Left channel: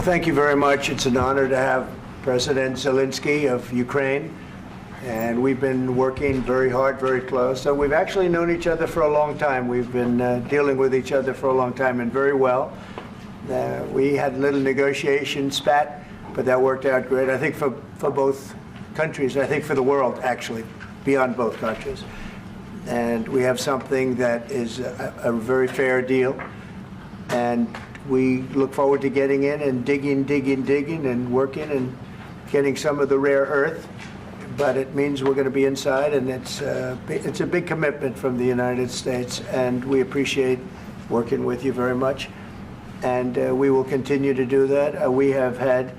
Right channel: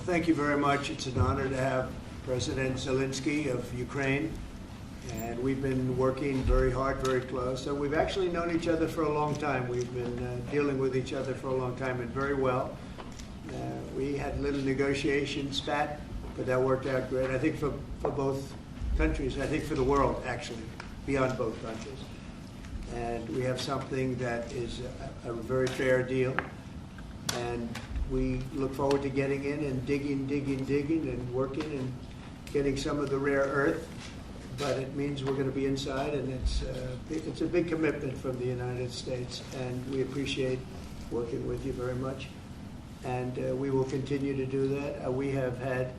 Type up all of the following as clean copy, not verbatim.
Well, thank you very much. It's an honor to have President Zelenskyy of Ukraine, and we've been working very hard, very close. So we've actually known each other for a long time. We've been dealing with each other for a long time, and very well. We had a little negotiation spat, but that worked out great. I think for both countries, I think for the world, actually, beyond both countries. And we have something that is a very fair deal. And we look forward to getting in and digging and working and getting some of the rare earth. But it means we're going to be inside, and it's a big commitment from the United States, and we appreciate working with you very much. And we will continue to do that. We have had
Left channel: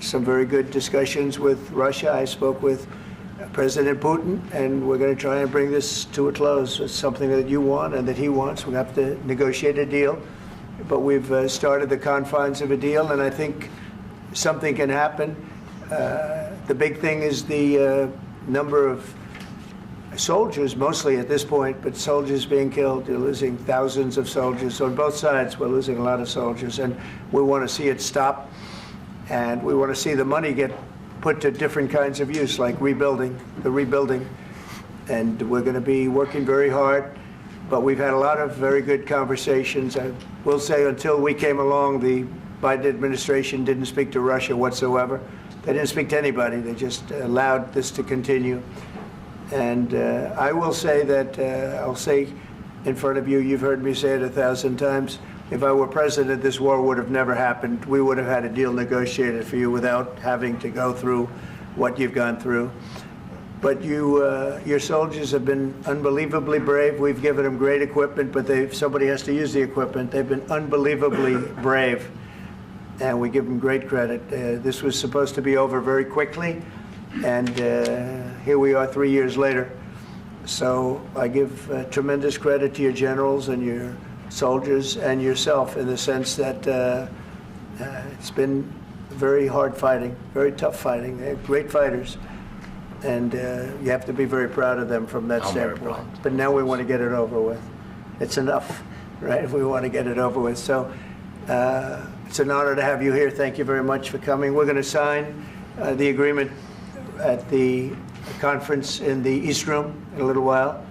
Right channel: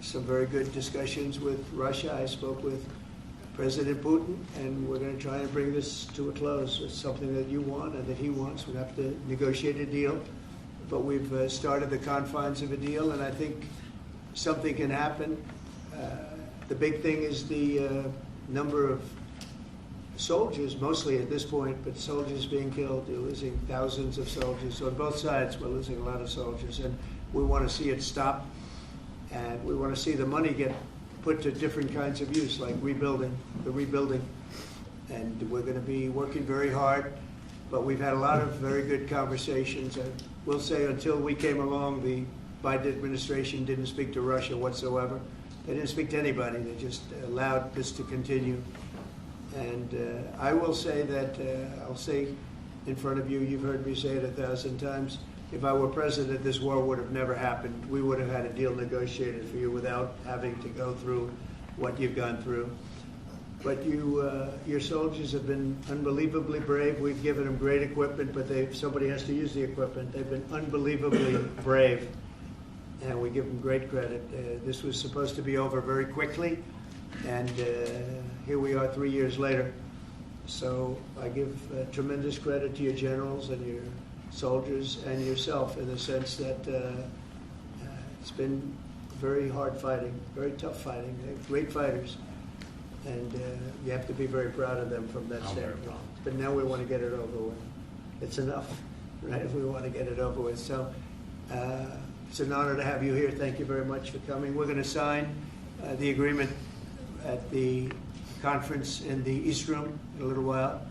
some very good discussions with Russia. I spoke with President Putin, and we're going to try and bring this to a close. It's something that you want and that he wants. We have to negotiate a deal. But we've started the confines of a deal, and I think something can happen. The big thing is the number of soldiers, mostly at this point, but soldiers being killed. You're losing thousands of soldiers. On both sides, we're losing a lot of soldiers, and we want to see it stop. And we want to see the money get put to different kinds of use, like rebuilding. And we're going to be working very hard. But we've had a lot of very good conversations. I will say until we came along, the Biden administration didn't speak to Russia whatsoever. They didn't speak to anybody. They just allowed this to continue. And I will say that, I'll say in front of you, you've heard me say it 1,000 times, if I were president, this war would have never happened. We would have had a deal negotiated for you without having to go through what you've gone through. But your soldiers have been unbelievably brave. We've given them great equipment, but somebody has to use the equipment. They've been unbelievably brave, and we give them great credit. This was supposed to be over very quickly, and here we are 3 years later. So I give tremendous credit to your generals and your soldiers and yourself in the sense that it's been very hard fighting, very tough fighting. They're great fighters. And you have to be very proud of them from that standpoint. But now we want to get it over with. It's enough, right? We want to get it over with. So it's an honor to have you here. Thank you very much for coming. We're going to sign the agreement at the conference in the East Room in a little while,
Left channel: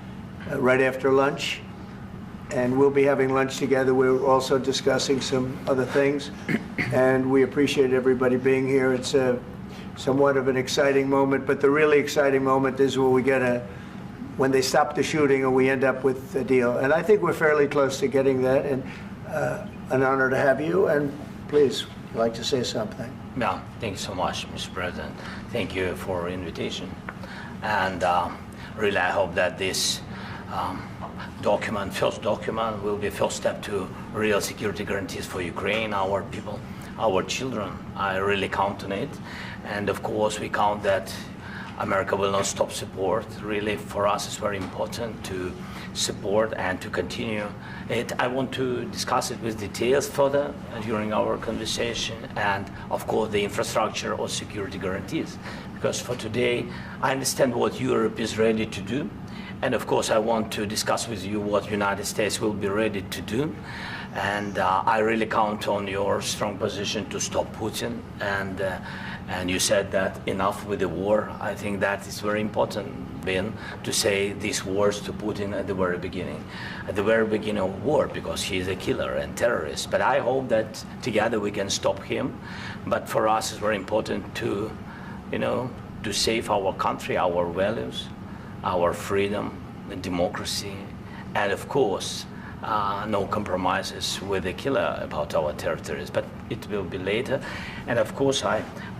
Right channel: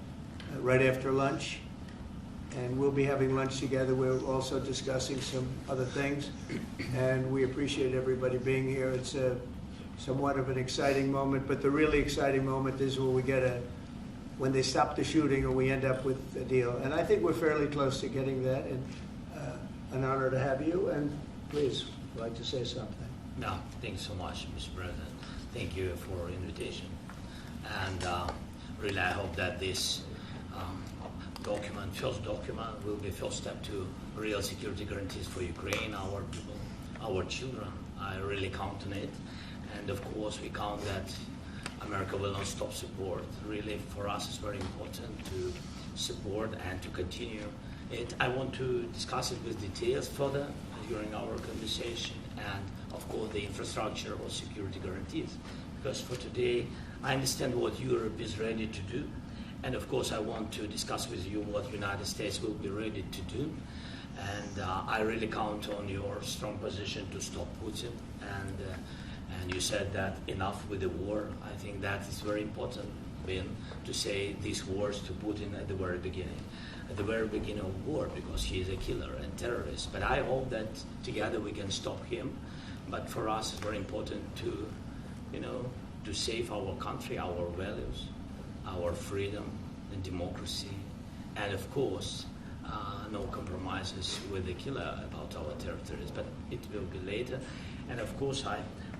right after lunch. And we'll be having lunch together. We're also discussing some other things. And we appreciate everybody being here. It's somewhat of an exciting moment, but the really exciting moment is when they stop the shooting and we end up with a deal. And I think we're fairly close to getting that, and an honor to have you. And please, you'd like to say something? Yeah, thank you so much, Mr. President. Thank you for invitation. And really, I hope that this first document, will be first step to real security guarantees for Ukraine, our people, our children. I really count on it. And of course, we count that America will not stop support. Really, for us, it's very important to support and to continue it. I want to discuss it with details further during our conversation, and of course, the infrastructure or security guarantees. Because for today, I understand what Europe is ready to do. And of course, I want to discuss with you what United States will be ready to do. And I really count on your strong position to stop Putin. And you said that enough with the war. I think that is very important, Ben, to say these words to Putin at the very beginning of war, because he is a killer and terrorist. But I hope that together we can stop him. But for us, it's very important to, to save our country, our values, our freedom and democracy, and of course, no compromises with the killer about our territories, but it will be later. And of course,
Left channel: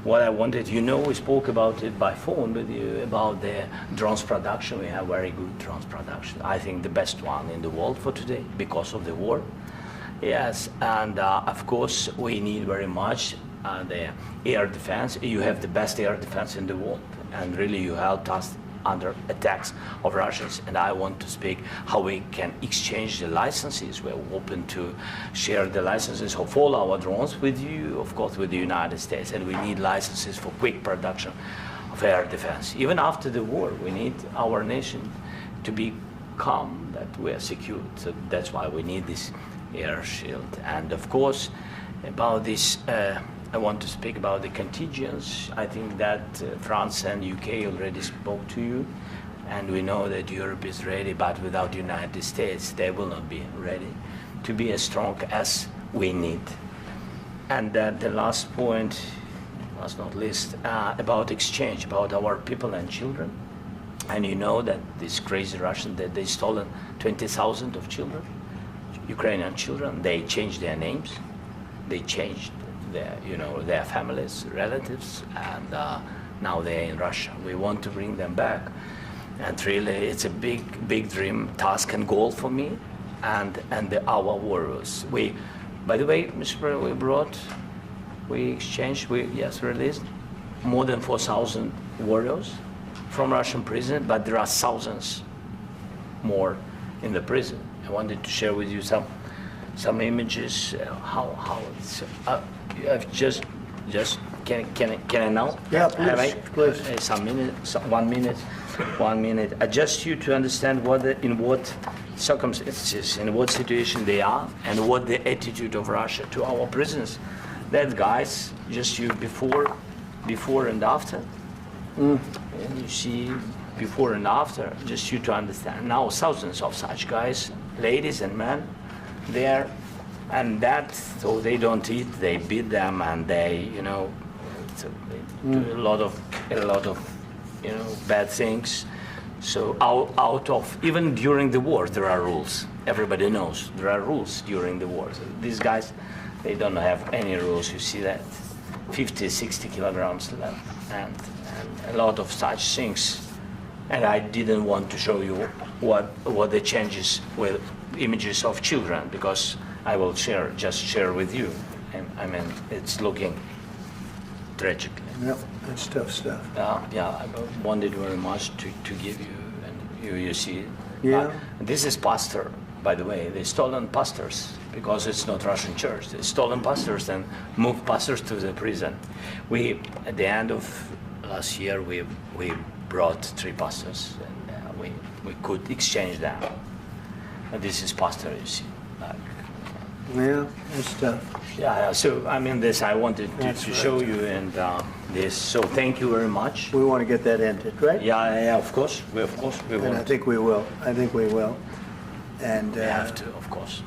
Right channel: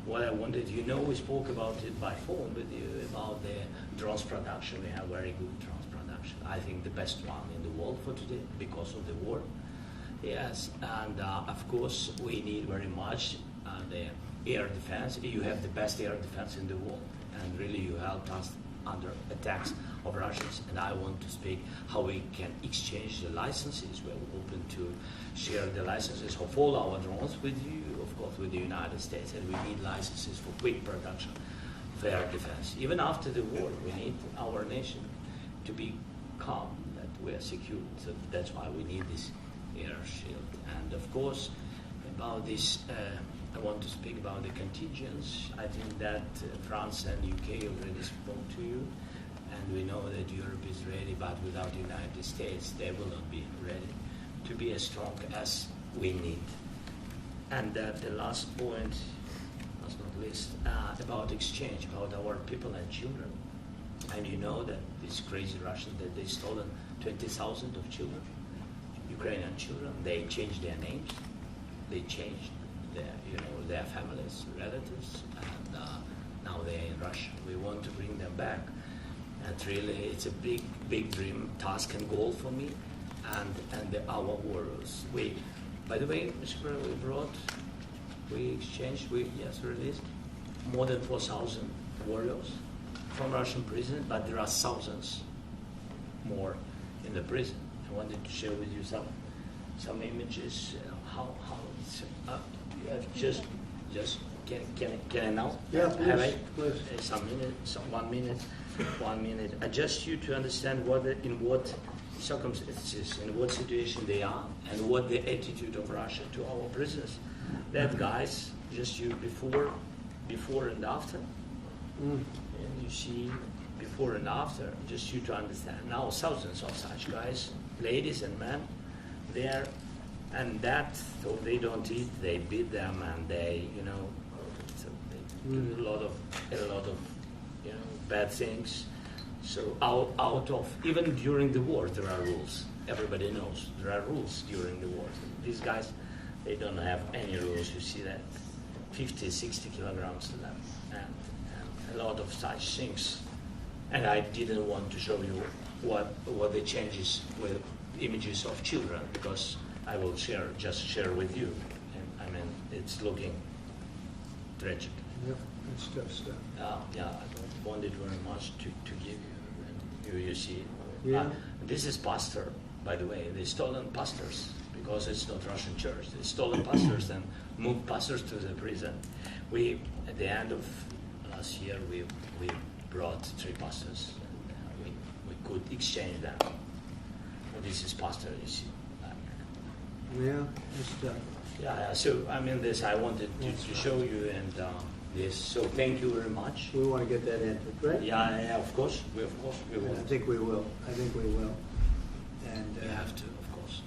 what I wanted, we spoke about it by phone with you, about the drones production. We have very good drones production. I think the best one in the world for today because of the war. Yes, and of course, we need very much the air defense. You have the best air defense in the world, and really you helped us under attacks of Russians, and I want to speak how we can exchange the licenses. We're open to share the licenses of all our drones with you, of course, with the United States, and we need licenses for quick production of air defense. Even after the war, we need our nation to be calm, that we are secure. So that's why we need this air shield. And of course, about this I want to speak about the contingents. I think that France and UK already spoke to you, and we know that Europe is ready, but without the United States, they will not be ready to be as strong as we need. And the last point, last not least, about exchange, about our people and children. And you know that these crazy Russians, that they stolen 20,000 of children, Ukrainian children. They changed their names, they changed their families, relatives, and now they're in Russia. We want to bring them back, and really, it's a big dream, task, and goal for me, and our warriors. By the way, Mr. President, we exchanged, released more than 4,000 warriors from Russian prison, but there are thousands more in the prison. I wanted to share with you some images. How it's. I've just can I now? Yeah, please. Some minutes, 1 minute, 1 minute. Just you to understand in what circumstances, in what situation they are, and what the attitude of Russia to our prisoners. That guys, just you before and after. And you see before and after, just you to understand. Now thousands of such guys, ladies and men, there, and that, so they don't eat, they beat them, and they, they do a lot of, bad things. So out of, even during the war, there are rules. Everybody knows there are rules during the war. So these guys, they don't have any rules. You see that 50, 60 kilograms left, and a lot of such things. And I didn't want to show you what the changes with images of children, because I will just share with you. And I mean, it's looking tragic. Yep, that's tough stuff. Yeah, I wanted very much to give you, and you see. Yeah. This is pastor, by the way. They stolen pastors because it's not Russian church. They stolen pastors and moved pastors to the prison. At the end of last year, we brought 3 pastors, and we could exchange them. And this is pastor, you see. Yeah, that's tough. Yeah. So I mean, this I wanted to show you, and this. So thank you very much. We want to get that ended, right? Yeah. Of course. We And want. I think we will. And We have to, of course.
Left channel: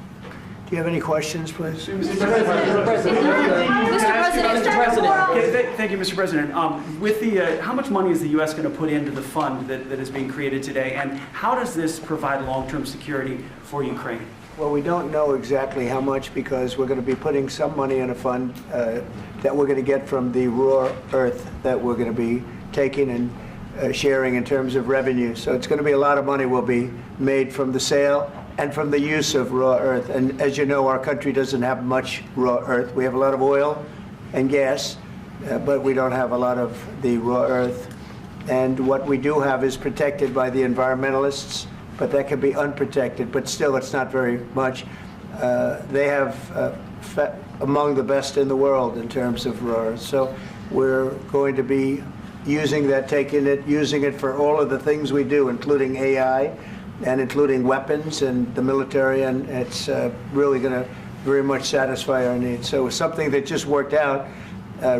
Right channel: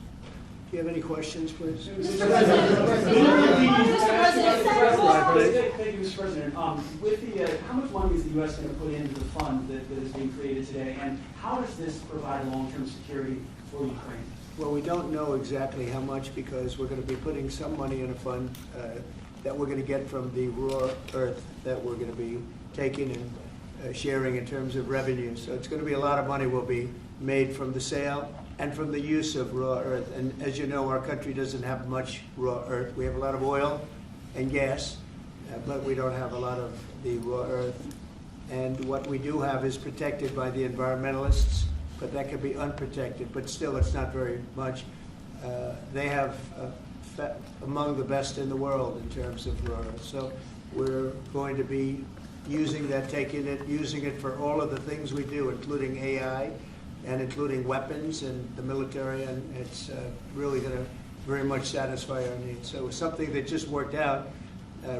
do you have any questions, please? Thank you, Mr. President. With how much money is the U.S. going to put into the fund that is being created today, and how does this provide long-term security for Ukraine? Well, we don't know exactly how much, because we're going to be putting some money in a fund that we're going to get from the raw earth that we're going to be taking and sharing in terms of revenue. So it's going to be a lot of money will be made from the sale and from the use of raw earth. And as you know, our country doesn't have much raw earth. We have a lot of oil and gas, but we don't have a lot of the raw earth. And what we do have is protected by the environmentalists, but that can be unprotected, but still it's not very much. They have among the best in the world in terms of raw earth. So we're going to be using that, using it for all of the things we do, including AI and including weapons and the military, and it's really going to very much satisfy our needs. So it's something that just worked out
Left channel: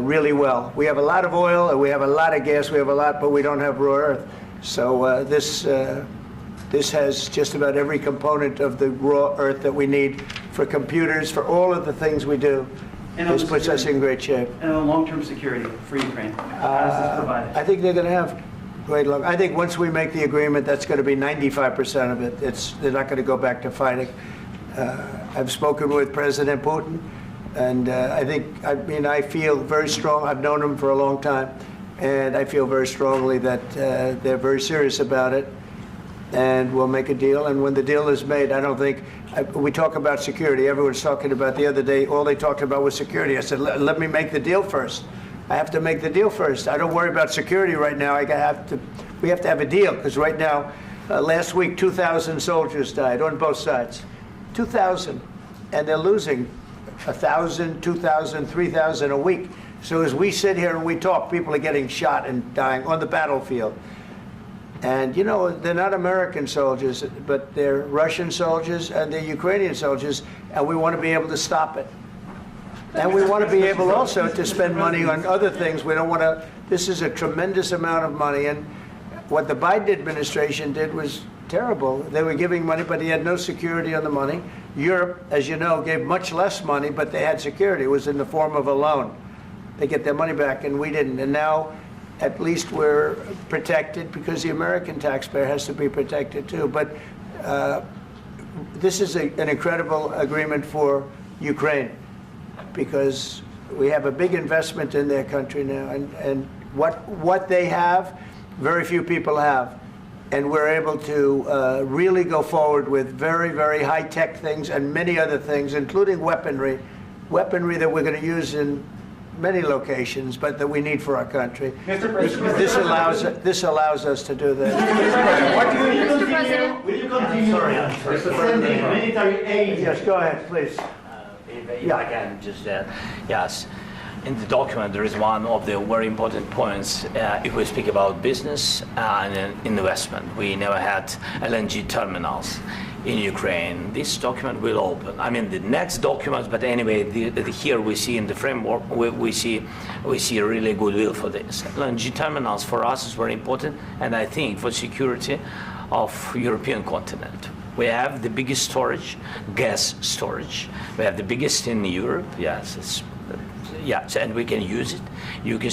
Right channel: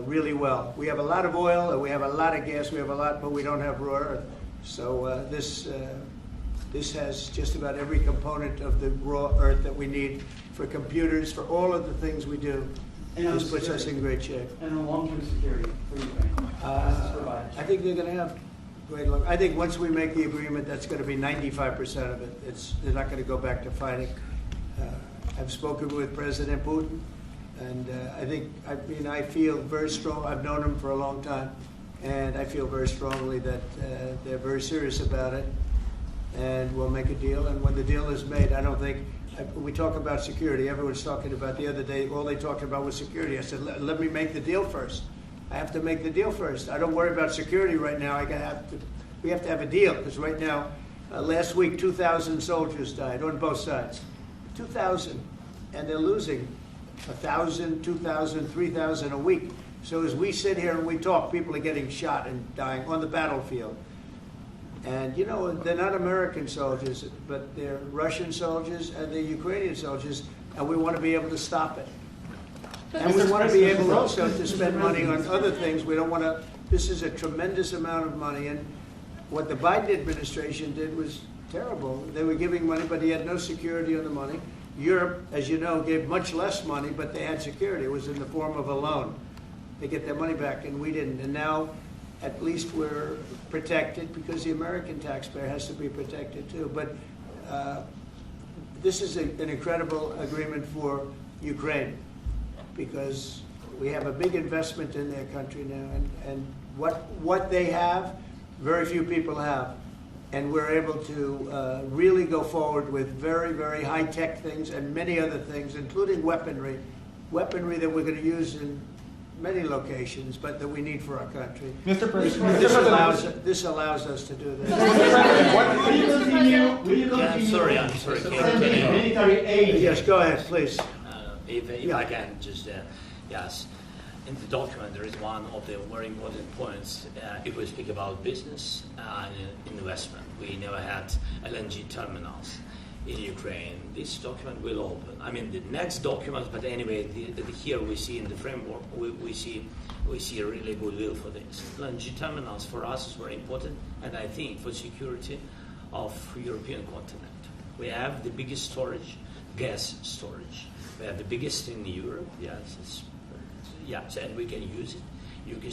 really well. We have a lot of oil, and we have a lot of gas, we have a lot, but we don't have raw earth. So this has just about every component of the raw earth that we need for computers, for all of the things we do. This puts us in great shape. And on long-term security for Ukraine, how does this provide it? I think they're going to have great luck. I think once we make the agreement, that's going to be 95% of it. They're not going to go back to fighting. I've spoken with President Putin, and I feel very strong. I've known him for a long time, and I feel very strongly that they're very serious about it, and we'll make a deal. And when the deal is made, I don't think, we talk about security. Everyone's talking about the other day, all they talked about was security. I said, let me make the deal first. I have to make the deal first. I don't worry about security right now. We have to have a deal, because right now, last week, 2,000 soldiers died on both sides. 2,000. And they're losing 1,000, 2,000, 3,000 a week. So as we sit here and we talk, people are getting shot and dying on the battlefield. And, you know, they're not American soldiers, but they're Russian soldiers and they're Ukrainian soldiers, and we want to be able to stop it. And we want to be able also to spend money on other things. We don't want to, this is a tremendous amount of money. And what the Biden administration did was terrible. They were giving money, but he had no security on the money. Europe, as you know, gave much less money, but they had security. It was in the form of a loan. They get their money back, and we didn't. And now, at least we're protected because the American taxpayer has to be protected too. But this is an incredible agreement for Ukraine because we have a big investment in their country now. And what they have, very few people have. And we're able to really go forward with very, very high-tech things and many other things, including weaponry that we're going to use in many locations, but that we need for our country. Mr. President, This allows us to do that. will you continue I'm sorry. sending military aid? Yes, go ahead, please. If I can just, yes. In the document, there is one of the very important points. If we speak about business and investment, we never had LNG terminals in Ukraine. This document will open. I mean, the next document, but anyway, here we see in the framework, we see really goodwill for this. LNG terminals for us is very important, and I think for security of European continent. We have the biggest storage, gas storage. We have the biggest in Europe. Yes, yes, and we can use it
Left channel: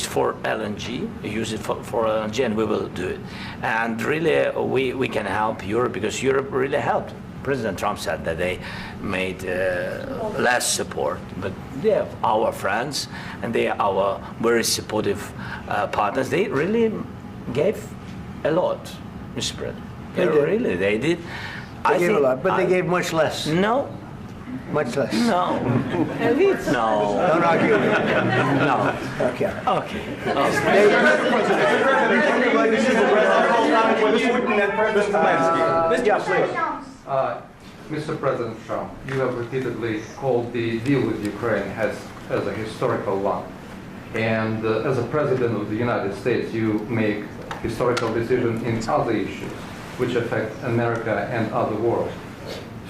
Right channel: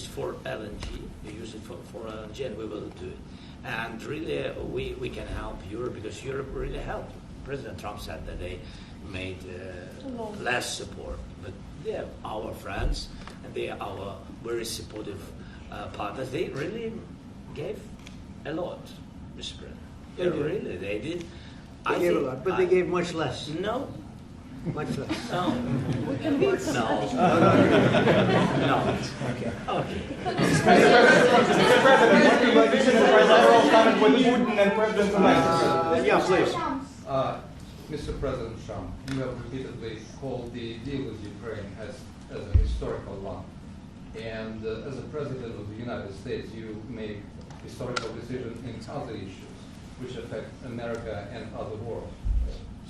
for LNG, use it for LNG, and we will do it. And really, we can help Europe because Europe really helped. President Trump said that they made less support, but they are our friends, and they are our very supportive partners. They really gave a lot, Mr. President. They did. They gave a lot, but they gave much less. No. Much less. No. No. No, not you. No. Okay. Okay. Mr. President Trump, you have repeatedly called the deal with Ukraine as a historical one. And as a President of the United States, you make historical decisions in other issues which affect America and other world.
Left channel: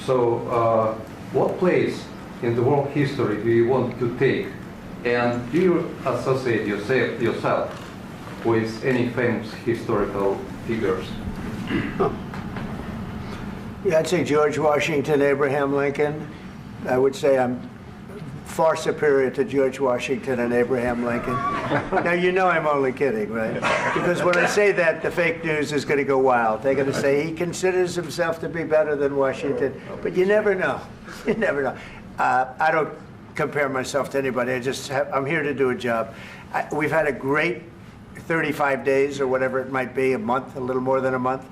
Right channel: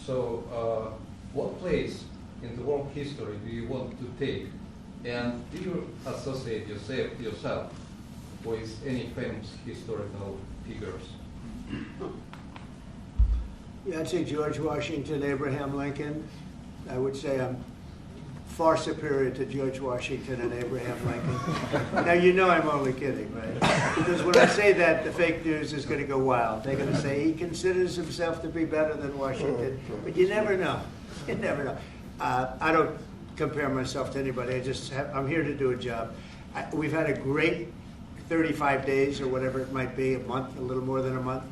So what place in the world history do you want to take? And do you associate yourself with any famous historical figures? Yeah, I'd say George Washington, Abraham Lincoln. I would say I'm far superior to George Washington and Abraham Lincoln. Now, you know I'm only kidding, right? Because when I say that, the fake news is going to go wild. They're going to say he considers himself to be better than Washington. But you never know. You never know. I don't compare myself to anybody. I'm here to do a job. We've had a great 35 days or whatever it might be, a month, a little more than a month.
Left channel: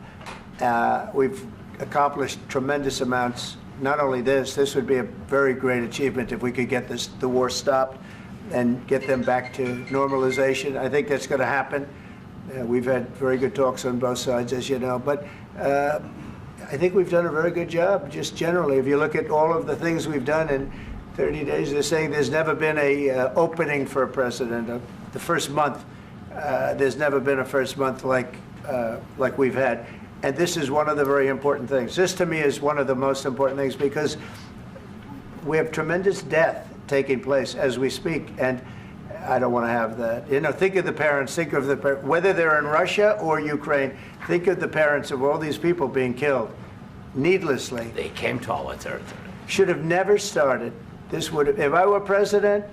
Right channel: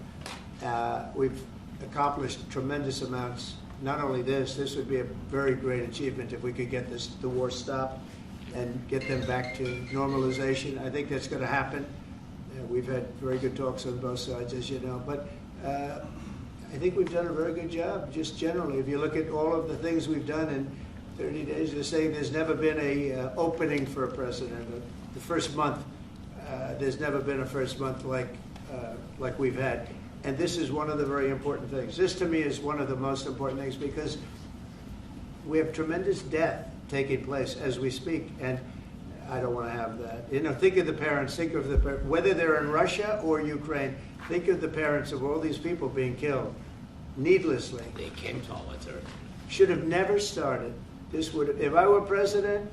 We've accomplished tremendous amounts. Not only this would be a very great achievement if we could get the war stopped and get them back to normalization. I think that's going to happen. We've had very good talks on both sides, as you know. But I think we've done a very good job, just generally. If you look at all of the things we've done in 30 days, they're saying there's never been a opening for a president. The first month, there's never been a first month like we've had. And this is one of the very important things. This, to me, is one of the most important things because we have tremendous death taking place as we speak, and I don't want to have that. You know, think of the parents, whether they're in Russia or Ukraine, think of the parents of all these people being killed needlessly. They came to our territory. Should have never started. This would have, if I were president,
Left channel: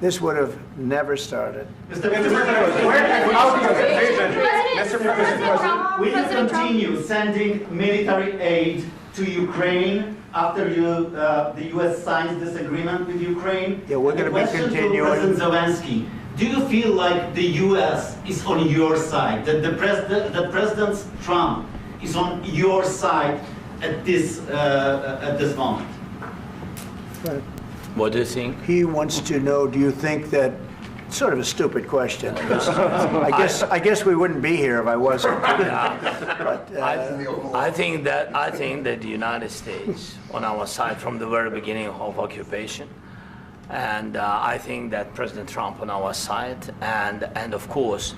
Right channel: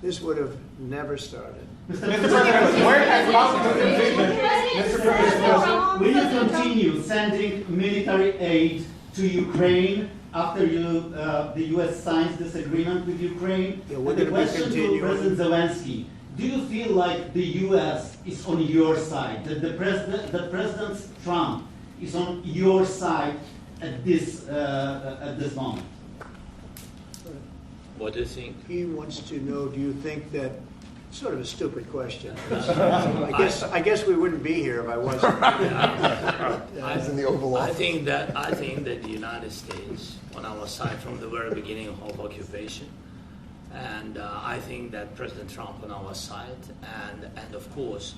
this would have never started. Mr. President, where has out your commitment? Mr. President, will you continue sending military aid to Ukraine after the U.S. signs this agreement with Ukraine? Yeah, we're going to be continuing. To President Zelenskyy, do you feel like the U.S. is on your side, that the President Trump is on your side at this moment? What do you think? He wants to know, do you think that, sort of a stupid question. I guess we wouldn't be here if I wasn't. I think that the United States on our side from the very beginning of occupation, and I think that President Trump on our side, and of course,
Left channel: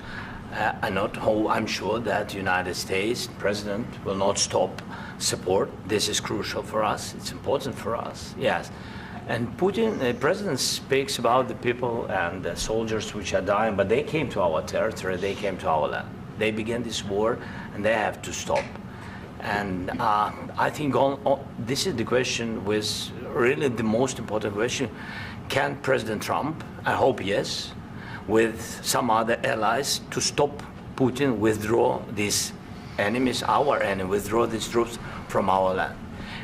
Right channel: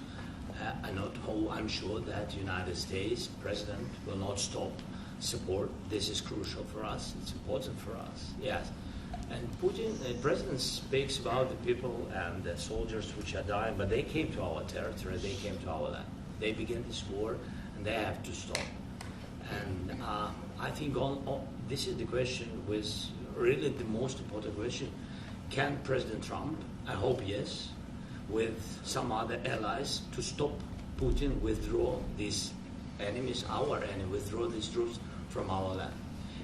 I'm sure that the United States President will not stop support. This is crucial for us. It's important for us. Yes. And Putin, the president speaks about the people and the soldiers which are dying, but they came to our territory, they came to our land. They began this war, and they have to stop. And I think this is the question, with really the most important question. Can President Trump, I hope yes, with some other allies, to stop Putin, withdraw these enemies, our enemy, withdraw these troops from our land?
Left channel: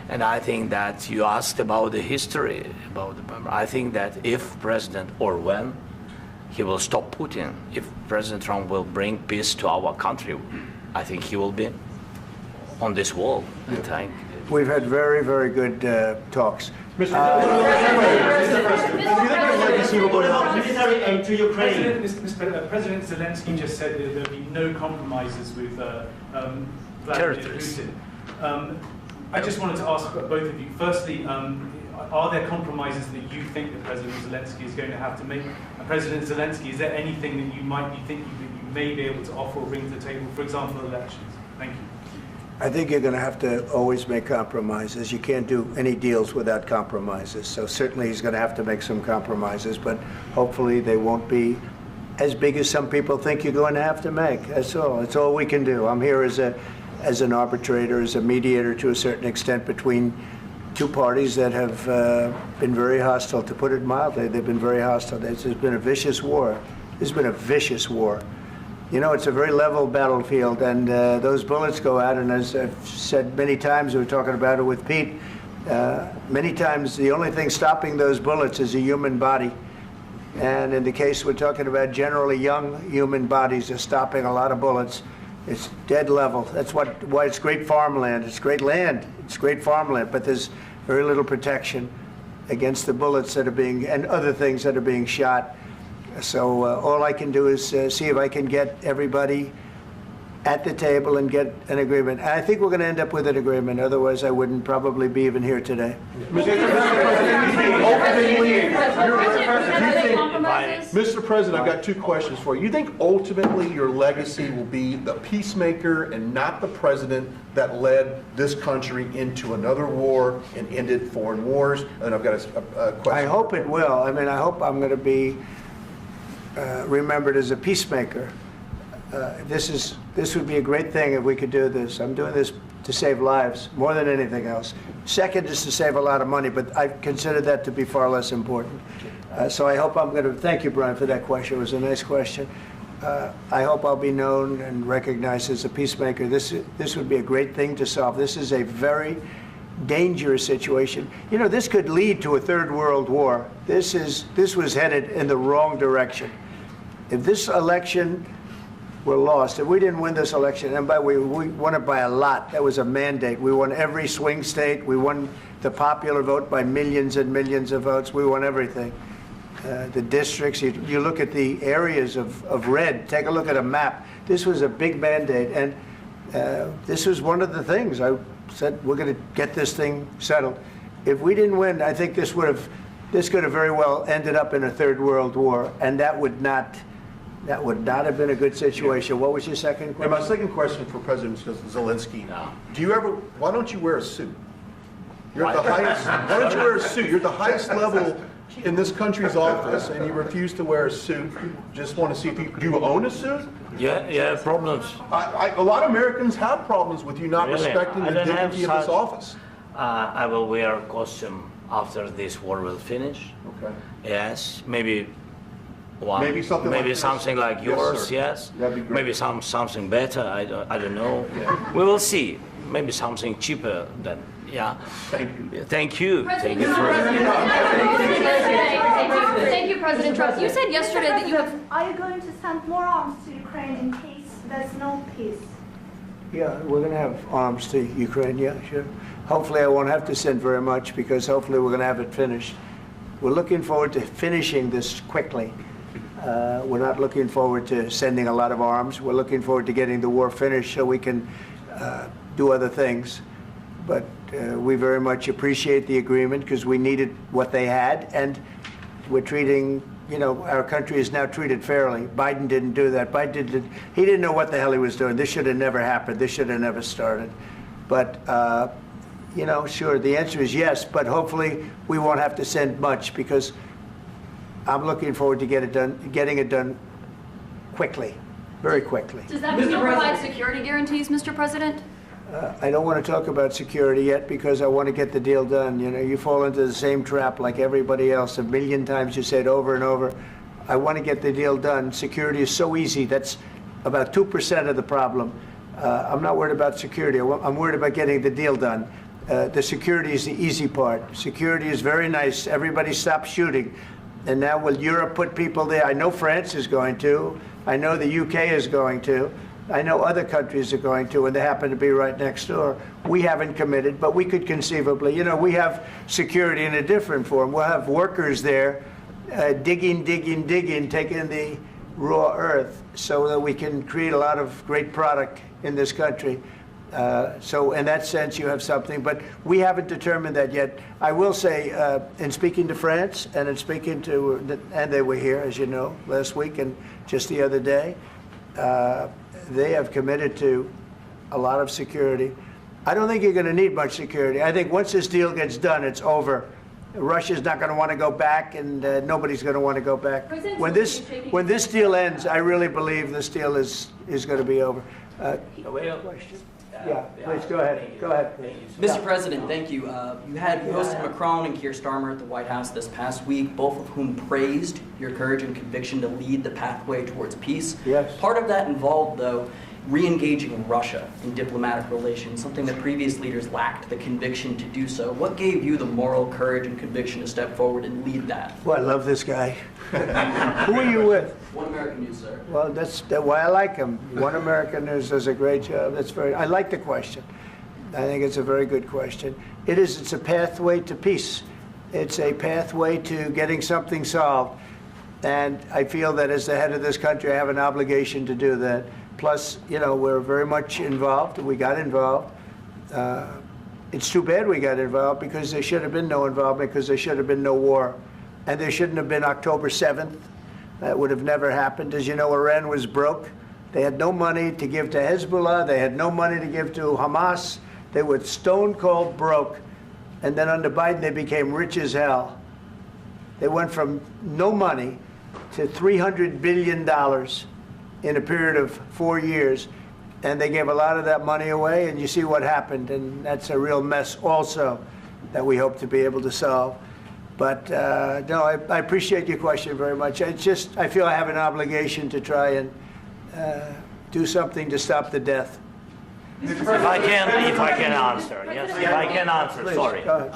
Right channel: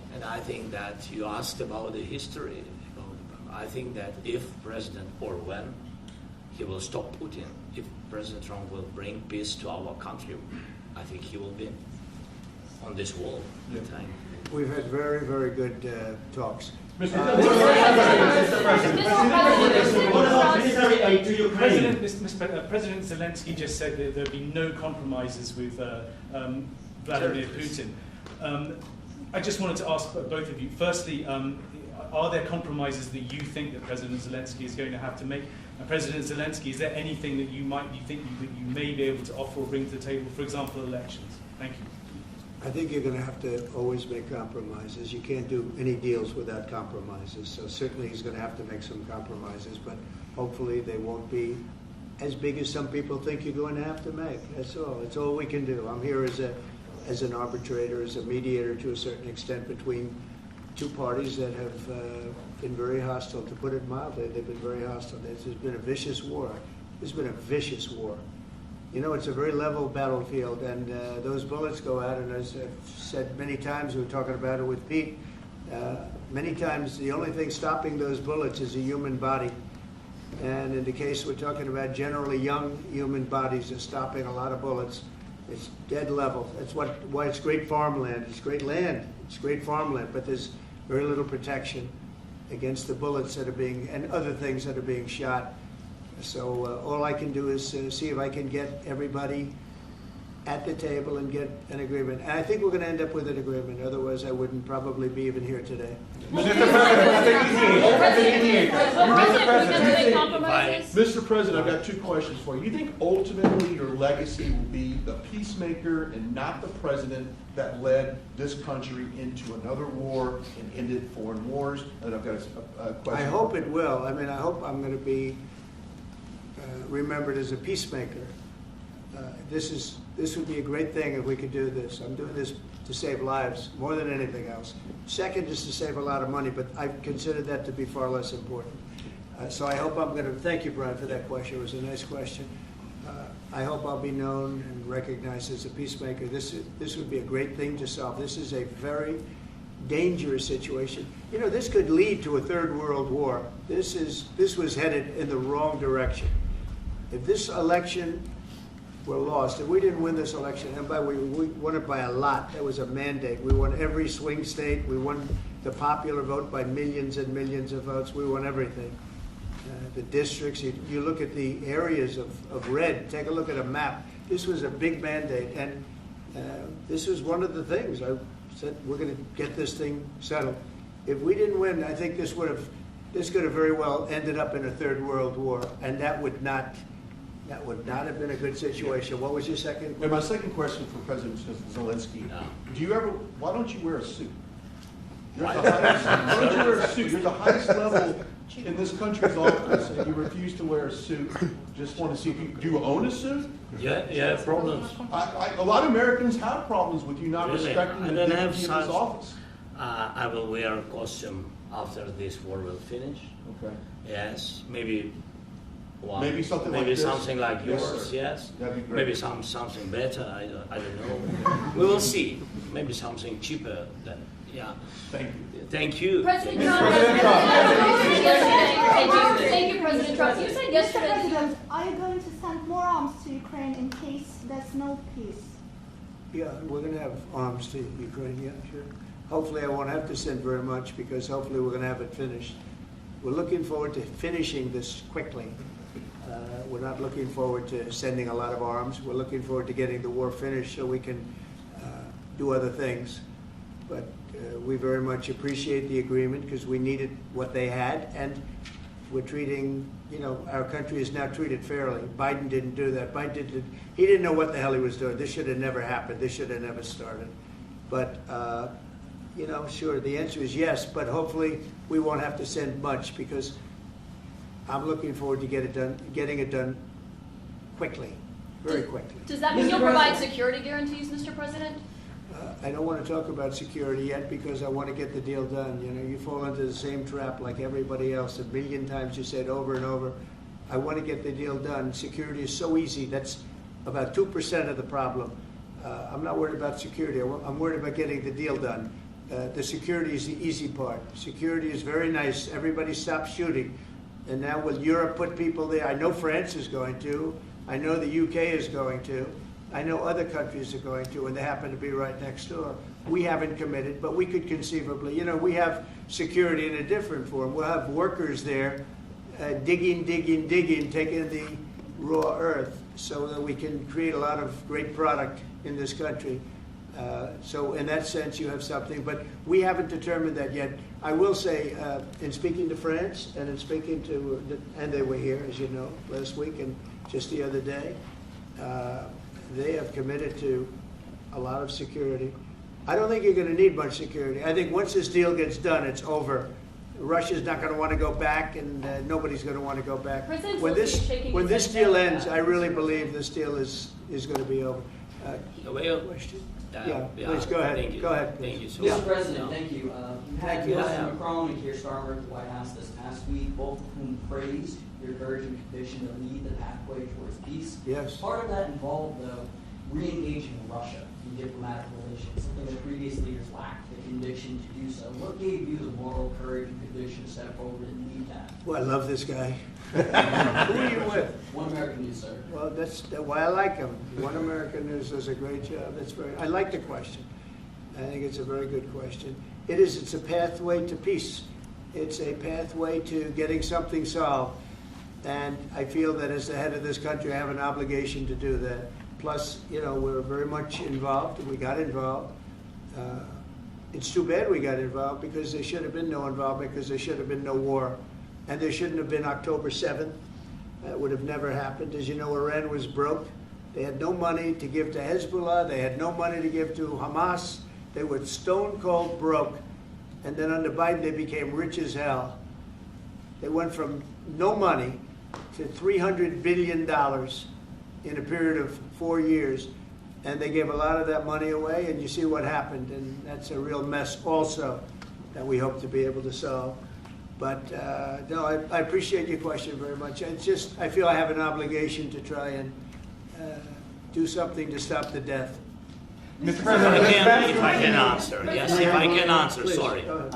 And I think that you asked about the history, I think that if President, or when, he will stop Putin, if President Trump will bring peace to our country, I think he will be on this wall. I think. We've had very, very good talks. What about military aid to Ukraine? President Zelenskyy just said that there will be no compromises with Vladimir Putin. I just wanted to ask both of you, firstly, are there compromises that you think that President Zelenskyy is going to have to make? And President Zelenskyy, is there anything that you might be thinking that you may be able to offer or bring to the table, for example, elections? Thank you. I think you're going to have to always make compromises. You can't do any deals without compromises. So certainly he's going to have to make some compromises, but hopefully they won't be as big as some people think you're going to have to make. That's all. That's all we can do. I'm here as an arbitrator, as a mediator to a certain extent between two parties that have been very hostile, to put it mildly. They've been very hostile. There's been a vicious war. There's been a vicious war. You know, it's a very level battlefield, and those bullets go out, and as I've said many times, we were talking about it with Pete, many times the only thing stopping those bullets is a human body. And in the case we're talking about, generally young human bodies are stopping a lot of bullets. It's dead level. That's why it's great farmland. It's great land. It's great farmland, but there's very little protection against the bullets that are being, and other things that are being shot. So all I can do is see if I can get everybody at the table and get an agreement. And I think we're going to end up with an agreement. Otherwise, I wouldn't probably be even here today. Mr. President, I've got two questions for you. You think ultimately your legacy will be the peacemaker and not the president that led this country into another war and ended foreign wars? And I've got a question. I hope it will. I mean, I hope I'm going to be remembered as a peacemaker. This would be a great thing if we could do this. I'm doing this to save lives more than anything else. Second is to save a lot of money, but I consider that to be far less important. So I hope I'm going to, thank you, Brian, for that question. It was a nice question. I hope I'll be known and recognized as a peacemaker. This would be a great thing to solve. This is a very dangerous situation. You know, this could lead to a third world war. This was headed in the wrong direction. If this election were lost, if we didn't win this election, and by the way, we won it by a lot. That was a mandate. We won every swing state. We won the popular vote by millions and millions of votes. We won everything. The districts, you look at the areas of red, take a look at a map. This was a big mandate, and this was one of the things. I said, we're going to get this thing settled. If we didn't win, I think this could have very well ended up in a third world war, and that would not have been a good situation. What was your second question? And my second question for President Zelenskyy, why don't you wear a suit? You're at the highest, why don't you wear a suit? You're at the highest level in this country's office, and you refuse to wear a suit. Just want to see if do you own a suit? Yeah, problems. A lot of Americans have problems with you not respecting the dignity of this office. I will wear a costume after this war will finish. Okay. Yes, maybe one. Maybe something like this. Something like yours. Yes. That'd be great. Maybe something better. I don't know. Yeah. We will see. Maybe something cheaper than. Yeah. Thank you. Thank you. President Trump. Thank you, President Trump. You said yesterday that you have. Are you going to send more arms to Ukraine in case there's no peace? Yeah, we're going to have arms to Ukraine. Yeah, sure. Hopefully, I won't have to send very much because hopefully we're going to have it finished. We're looking forward to finishing this quickly. We're not looking forward to sending a lot of arms. We're looking forward to getting the war finished so we can do other things. But we very much appreciate the agreement because we needed what they had, and we're treating, you know, our country is now treated fairly. Biden didn't do that. He didn't know what the hell he was doing. This should have never happened. This should have never started. But you know, sure, the answer is yes, but hopefully we won't have to send much because I'm looking forward to getting it done quickly, very quickly. Does that mean you'll provide security guarantees, Mr. President? I don't want to talk about security yet because I want to get the deal done. You know, you fall into the same trap like everybody else. A million times you say it over and over. I want to get the deal done. Security is so easy. That's about 2% of the problem. I'm not worried about security. I'm worried about getting the deal done. The security is the easy part. Security is very nice. Everybody stopped shooting. And now will Europe put people there? I know France is going to. I know the UK is going to. I know other countries are going to, and they happen to be right next door. We haven't committed, but we could conceivably. You know, we have security in a different form. We'll have workers there digging, taking the raw earth so that we can create a lot of great product in this country. So in that sense, you have something, but we haven't determined that yet. I will say, in speaking to France and in speaking to, and they were here, as you know, last week and just the other day, they have committed to a lot of security. I don't think you're going to need much security. I think once this deal gets done, it's over. Russia's not going to want to go back, and nobody's going to want to go back. When this deal ends, I really believe this deal is going to be over. Question? Yeah, please go ahead. Go ahead. Thank you, sir. Mr. President, thank you. You had both Macron and Keir Starmer at the White House this past week, both of whom praised your courage and conviction to lead the pathway towards peace. Yes. Part of that involved, though, re-engaging Russia in diplomatic relations, something that previous leaders lacked the conviction to do so. What gave you the moral courage and conviction to step forward and lead that? Well, I love this guy. Who are you with? One American News, sir. Well, that's why I like him. One American News does a great job. I like the question. I think it's a very good question. It's a pathway to peace. It's a pathway to getting something solved. And I feel that as the head of this country, I have an obligation to do that. Plus, you know, we're very much involved. We got involved. It's too bad we got involved because there should have been no involvement because there should have been no war. And there shouldn't have been October 7th. That would have never happened. As you know, Iran was broke. They had no money to give to Hezbollah. They had no money to give to Hamas. They were stone cold broke. And then under Biden, they became rich as hell. They went from no money to $300 billion in a period of 4 years. And they gave a lot of that money away, and you see what happened. And that's a real mess also that we hope to be able to solve. But no, I appreciate your question very much. I feel I have an obligation to try and do something to stop the death. If I can answer, yes, if I can answer, Please, sorry, go ahead.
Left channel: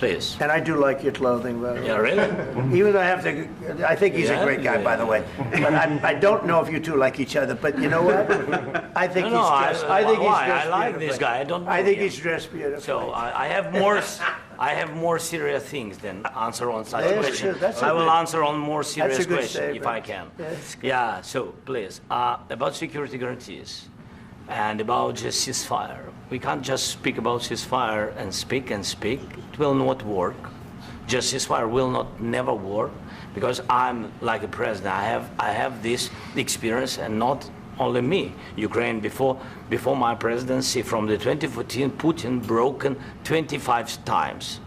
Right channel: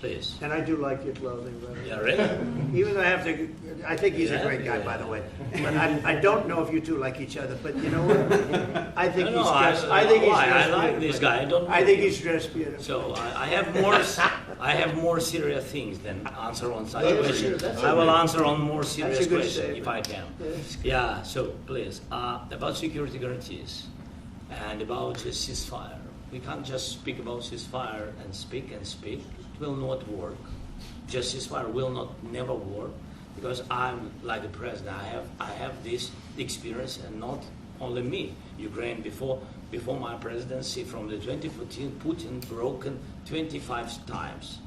please. And I do like your clothing, by the way. Yeah, really? Even though I think he's a great guy, by the way. But I don't know if you two like each other. But you know what? I think he's dressed. I like this guy. I think he's dressed beautiful. So I have more serious things than answer on such Yeah, question. sure, I will answer on more That's serious a good question if statement. I can. That's good. Yeah. So please, about security guarantees and about just ceasefire. We can't just speak about ceasefire and speak and speak. It will not work. Just ceasefire will never work because I'm like a president. I have this experience, and not only me. Ukraine before my presidency, from the 2014, Putin broken 25 times.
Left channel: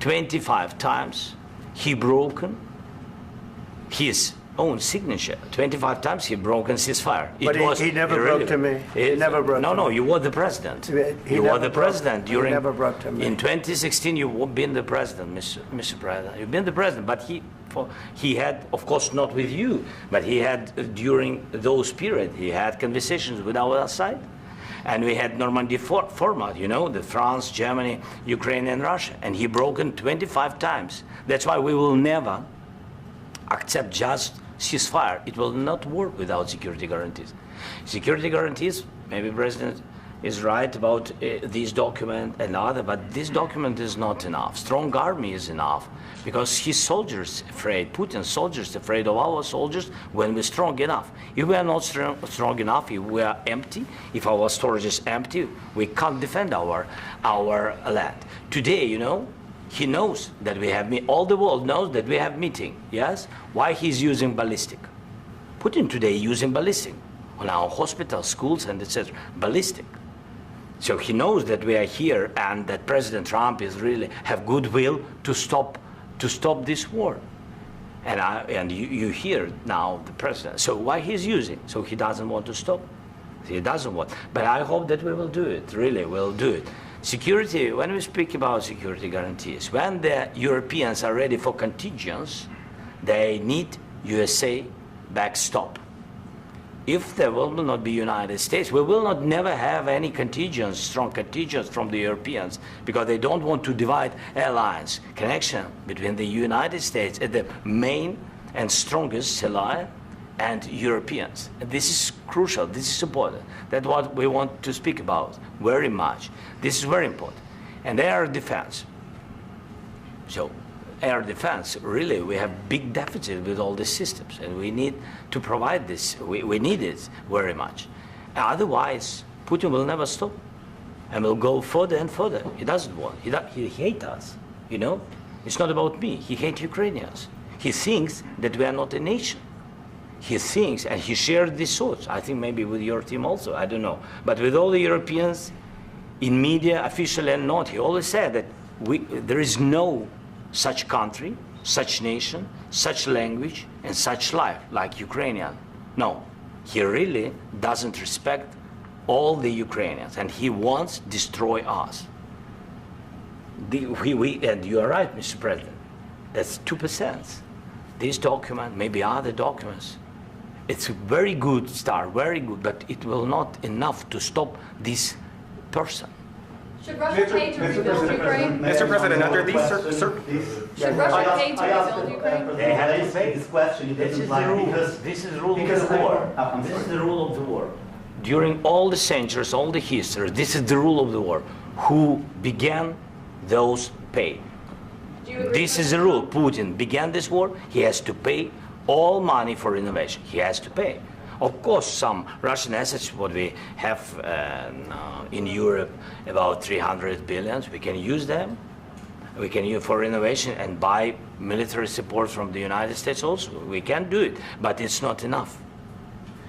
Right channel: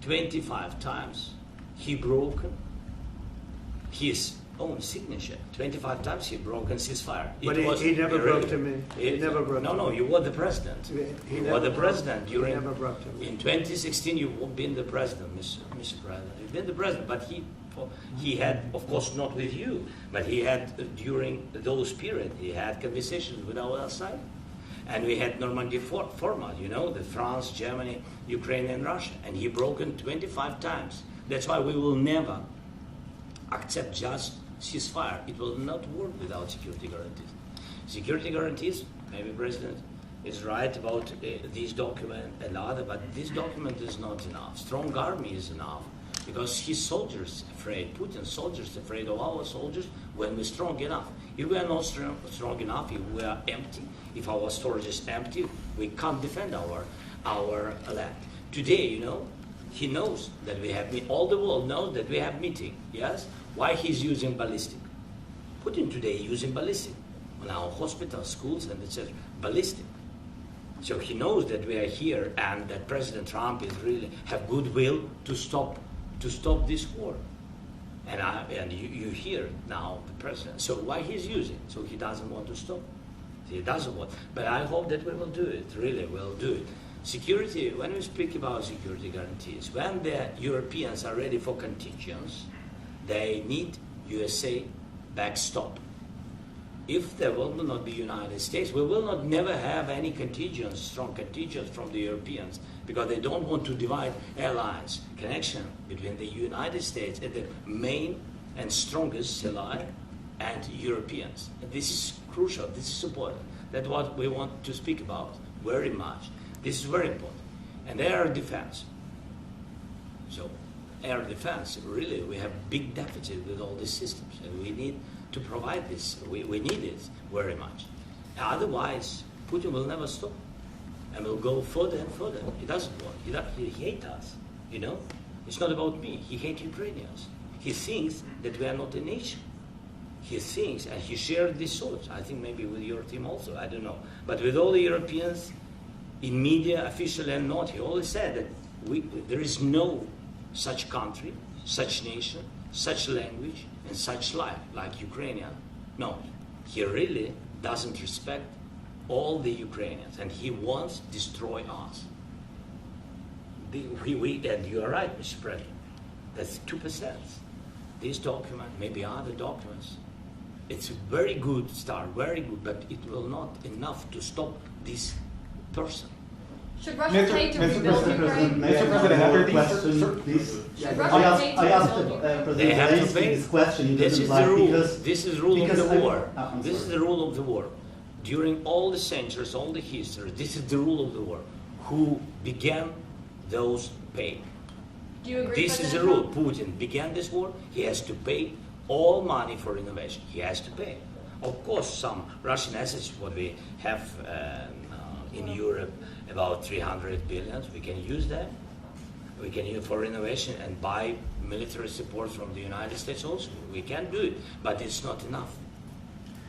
25 times he broken his own signature. 25 times he broken ceasefire. But he never broke to me. He never broke to me. No, you were the president. You were the president during. He never broke to me. In 2016, you've been the president, Mr. President. You've been the president, but he had, of course, not with you, but he had during those period. He had conversations with our side, and we had Normandy format. You know, the France, Germany, Ukraine, and Russia, and he broken 25 times. That's why we will never accept just ceasefire. It will not work without security guarantees. Security guarantees, maybe President is right about this document and other, but this document is not enough. Strong army is enough because his soldiers afraid, Putin's soldiers afraid of our soldiers when we're strong enough. If we are not strong enough, if we are empty, if our storage is empty, we can't defend our land. Today, you know, he knows that we have all the world knows that we have meeting, yes? Why he's using ballistic? Putin today using ballistic on our hospitals, schools, and etc. Ballistic. So he knows that we are here and that President Trump is really have goodwill to stop this war. And you hear now the president. So why he's using? So he doesn't want to stop. He doesn't want. But I hope that we will do it. Really, we'll do it. Security. When we speak about security guarantees, when the Europeans are ready for contingents, they need USA backstop. If there will not be United States, we will not never have any contingents, strong contingents from the Europeans, because they don't want to divide alliance connection between the United States and the main and strongest ally and Europeans. And this is crucial, this is important. That's what we want to speak about very much. This is very important. And air defense. So air defense, really, we have big deficit with all these systems, and we need to provide this. We need it very much. Otherwise, Putin will never stop, and will go further and further. He doesn't want. He hates us. You know, it's not about me. He hates Ukrainians. He thinks that we are not a nation. He thinks, and he shared these thoughts. I think maybe with your team also. I don't know, but with all the Europeans, in media, officially and not, he always said that there is no such country, such nation, such language, and such life like Ukrainian. No, he really doesn't respect all the Ukrainians, and he wants to destroy us. And you are right, Mr. President. That's 2%. This document, maybe other documents, it's a very good start, very good, but it will not enough to stop this person. Should Russia pay to rebuild Ukraine? Mr. President, under these Should Russia pay to rebuild Ukraine? They have to pay. This question. This is the rule. This is the rule of the war. This is the rule of the war. During all the centuries, all the history, this is the rule of the war. Who began, those pay. Do you agree? This is the rule. Putin began this war. He has to pay all money for innovation. He has to pay. Of course, some Russian assets, what we have in Europe, about 300 billion, we can use them. We can use for innovation and buy military support from the United States also. We can do it, but it's not enough.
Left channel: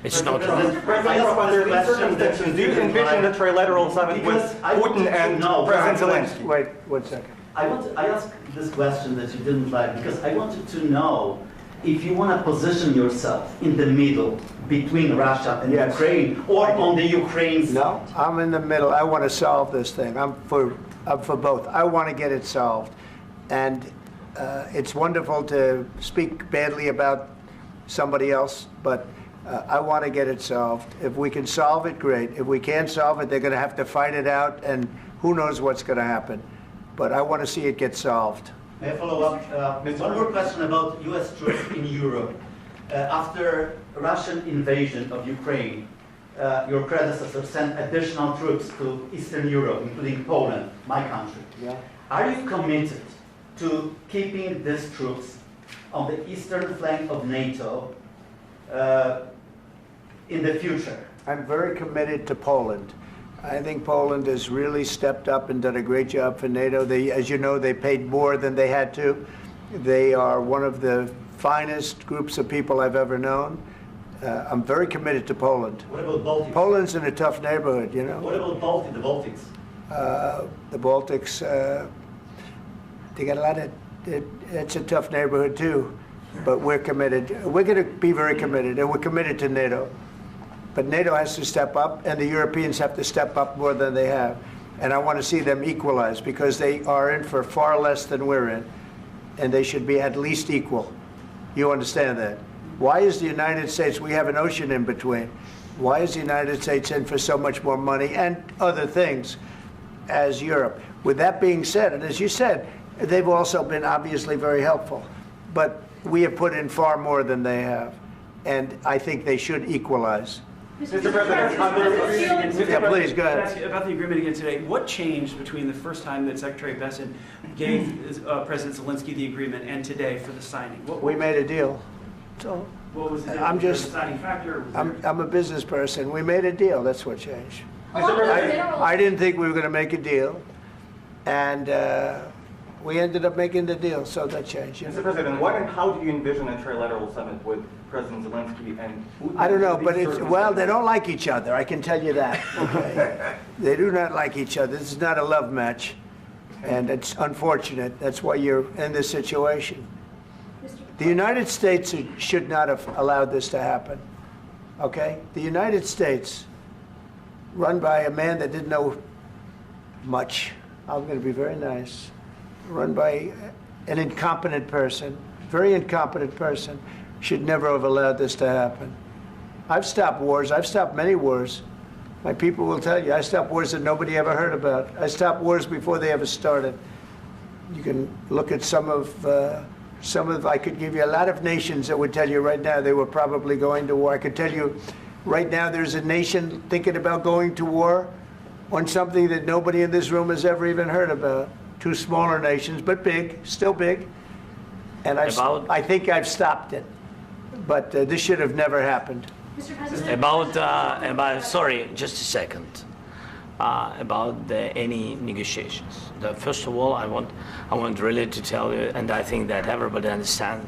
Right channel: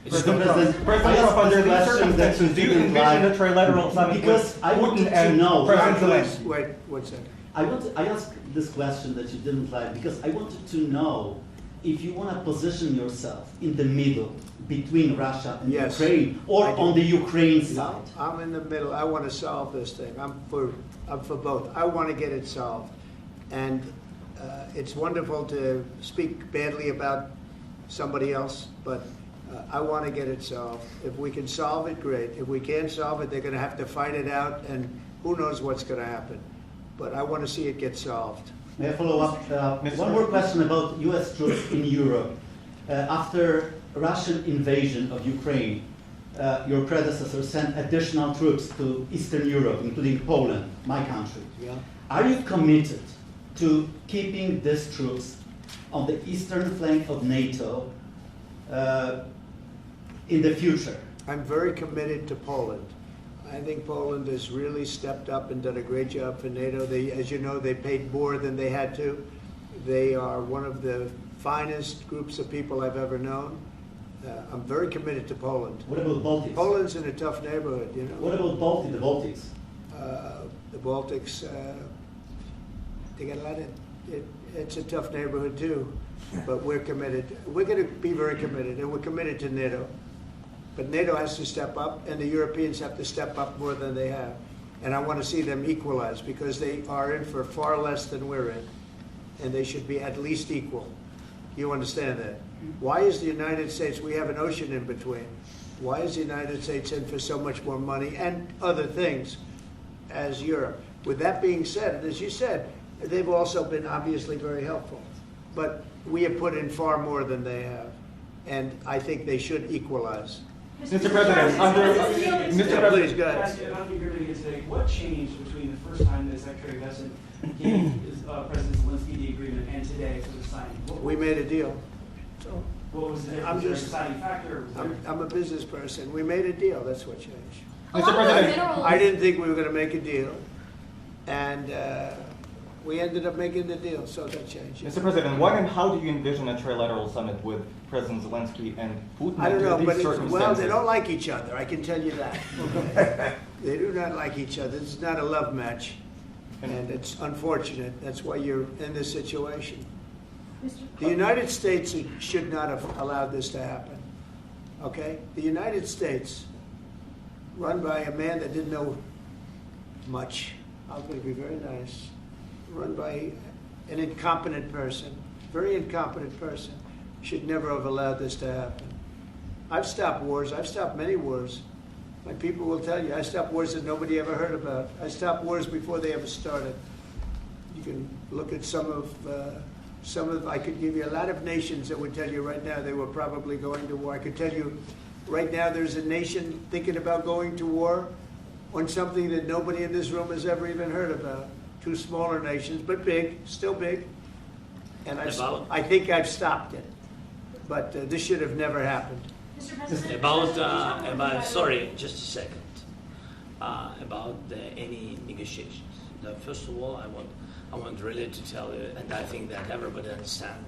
It's not enough. President, under these circumstances, do you envision a trilateral summit with Putin and President Zelenskyy? Wait 1 second. I asked this question that you didn't like because I wanted to know if you want to position yourself in the middle between Russia and Yes. Ukraine, or on the Ukraine side. No, I'm in the middle. I want to solve this thing. I'm for both. I want to get it solved. And it's wonderful to speak badly about somebody else, but I want to get it solved. If we can solve it, great. If we can't solve it, they're going to have to fight it out, and who knows what's going to happen. But I want to see it get solved. May I follow up? One more question about U.S. troops in Europe. After Russian invasion of Ukraine, your predecessor sent additional troops to Eastern Europe, including Poland, my country. Yeah. Are you committed to keeping these troops on the eastern flank of NATO in the future? I'm very committed to Poland. I think Poland has really stepped up and done a great job for NATO. They, as you know, they paid more than they had to. They are one of the finest groups of people I've ever known. I'm very committed to Poland. What about Baltics? Poland's in a tough neighborhood, you know. What about the Baltics? The Baltics, they got a lot of, it's a tough neighborhood too, but we're committed. We're going to be very committed, and we're committed to NATO. But NATO has to step up, and the Europeans have to step up more than they have. And I want to see them equalize, because they are in for far less than we're in, and they should be at least equal. You understand that? Why is the United States, we have an ocean in between, why is the United States in for so much more money and other things as Europe? With that being said, and as you said, they've also been obviously very helpful, but we have put in far more than they have, and I think they should equalize. Mr. President, Please, go ahead. Ask you about the agreement again today. What changed between the first time that Secretary Bessent gave President Zelenskyy the agreement and today for the signing? We made a deal. So What was the I'm just, deciding factor? I'm a business person. We made a deal. That's what changed. Along with minerals. I didn't think we were going to make a deal, and We ended up making the deal, so that changed. Mr. President, what and how do you envision a trilateral summit with President Zelensky and Putin? I don't know, under but these well, they circumstances? don't like each other, I can tell you that. Okay? They do not like each other. This is not a love match, and it's unfortunate. That's why you're in this situation. The United States should not have allowed this to happen, okay? The United States, run by a man that didn't know much, I'm going to be very nice, run by an incompetent person, very incompetent person, should never have allowed this to happen. I've stopped wars. I've stopped many wars. My people will tell you, I stopped wars that nobody ever heard about. I stopped wars before they ever started. You can look at some of, I could give you a lot of nations that would tell you right now they were probably going to war. I could tell you right now there's a nation thinking about going to war on something that nobody in this room has ever even heard about. Two smaller nations, but big, still big. And I think I've stopped it. But this should have never happened. Mr. President, Sorry, just a second. About any negotiations. First of all, I want really to tell you, and I think that everybody understands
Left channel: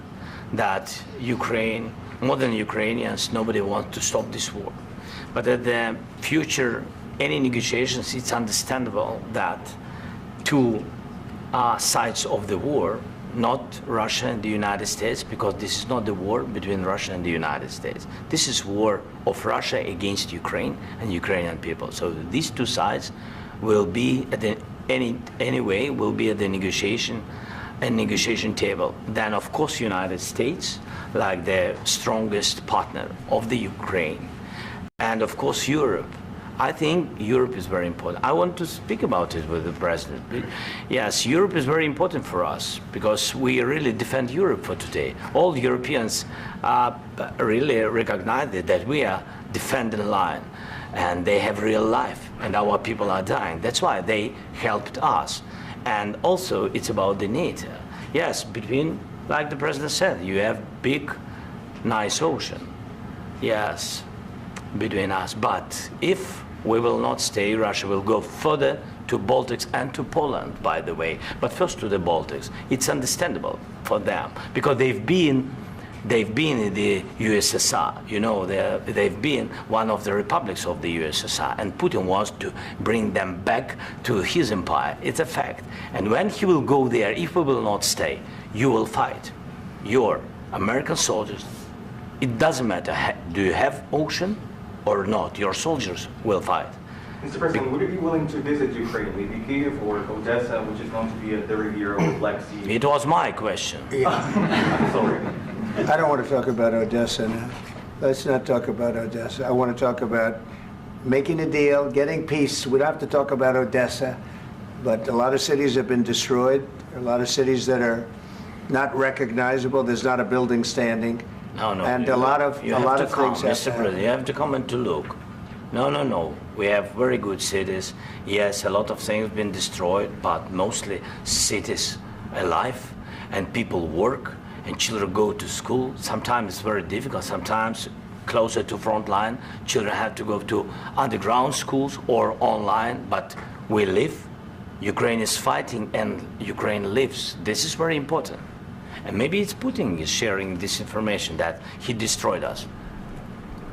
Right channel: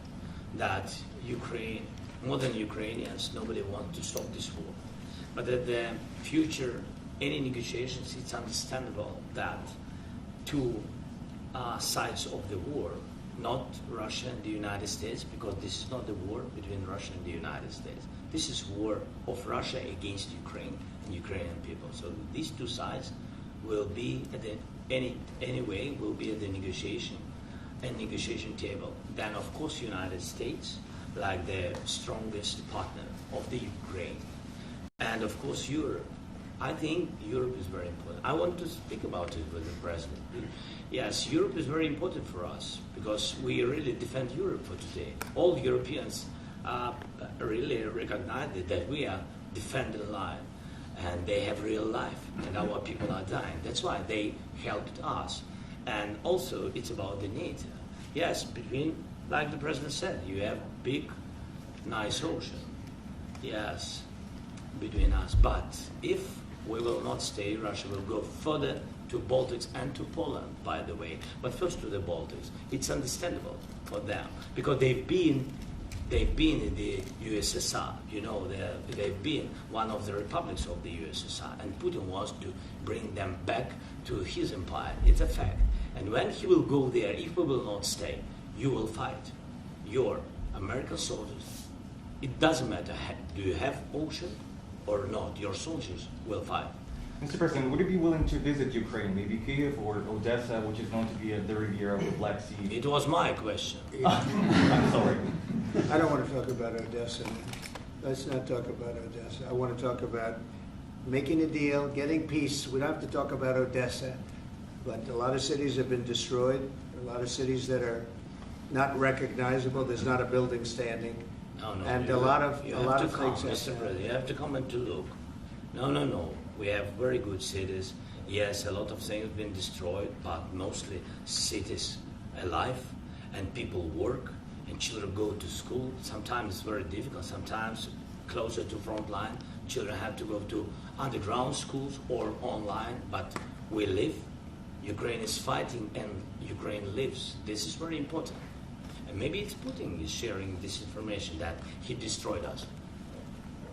that Ukraine, more than Ukrainians, nobody wants to stop this war. But at the future, any negotiations, it's understandable that two sides of the war, not Russia and the United States, because this is not the war between Russia and the United States. This is war of Russia against Ukraine and Ukrainian people. So these two sides will be at the anyway will be at the negotiation table. Then of course United States, like the strongest partner of the Ukraine, and of course Europe. I think Europe is very important. I want to speak about it with the president. Yes, Europe is very important for us because we really defend Europe for today. All Europeans really recognize that we are defending the line, and they have real life, and our people are dying. That's why they helped us. And also, it's about the NATO. Yes, between, like the president said, you have big, nice ocean. Yes, between us. But if we will not stay, Russia will go further to Baltics and to Poland, by the way. But first to the Baltics. It's understandable for them because they've been in the USSR. You know, they've been one of the republics of the USSR, and Putin wants to bring them back to his empire. It's a fact. And when he will go there, if we will not stay, you will fight. Your American soldiers, it doesn't matter, do you have ocean or not, your soldiers will fight. Mr. President, would you be willing to visit Ukraine, maybe Kyiv or Odessa, which is known to be at the Riviera with Black Sea? It was my question. I'm sorry. I don't want to talk about Odessa now. Let's not talk about Odessa. I want to talk about making a deal, getting peace. We don't have to talk about Odessa, but a lot of cities have been destroyed. A lot of cities that are not recognizable. There's not a building standing. No, and a lot of things. Mr. President, you have to come and to look. No. We have very good cities. Yes, a lot of things have been destroyed, but mostly cities alive, and people work, and children go to school. Sometimes it's very difficult. Sometimes closer to front line, children have to go to underground schools or online. But we live. Ukraine is fighting, and Ukraine lives. This is very important. And maybe it's Putin is sharing this information that he destroyed us.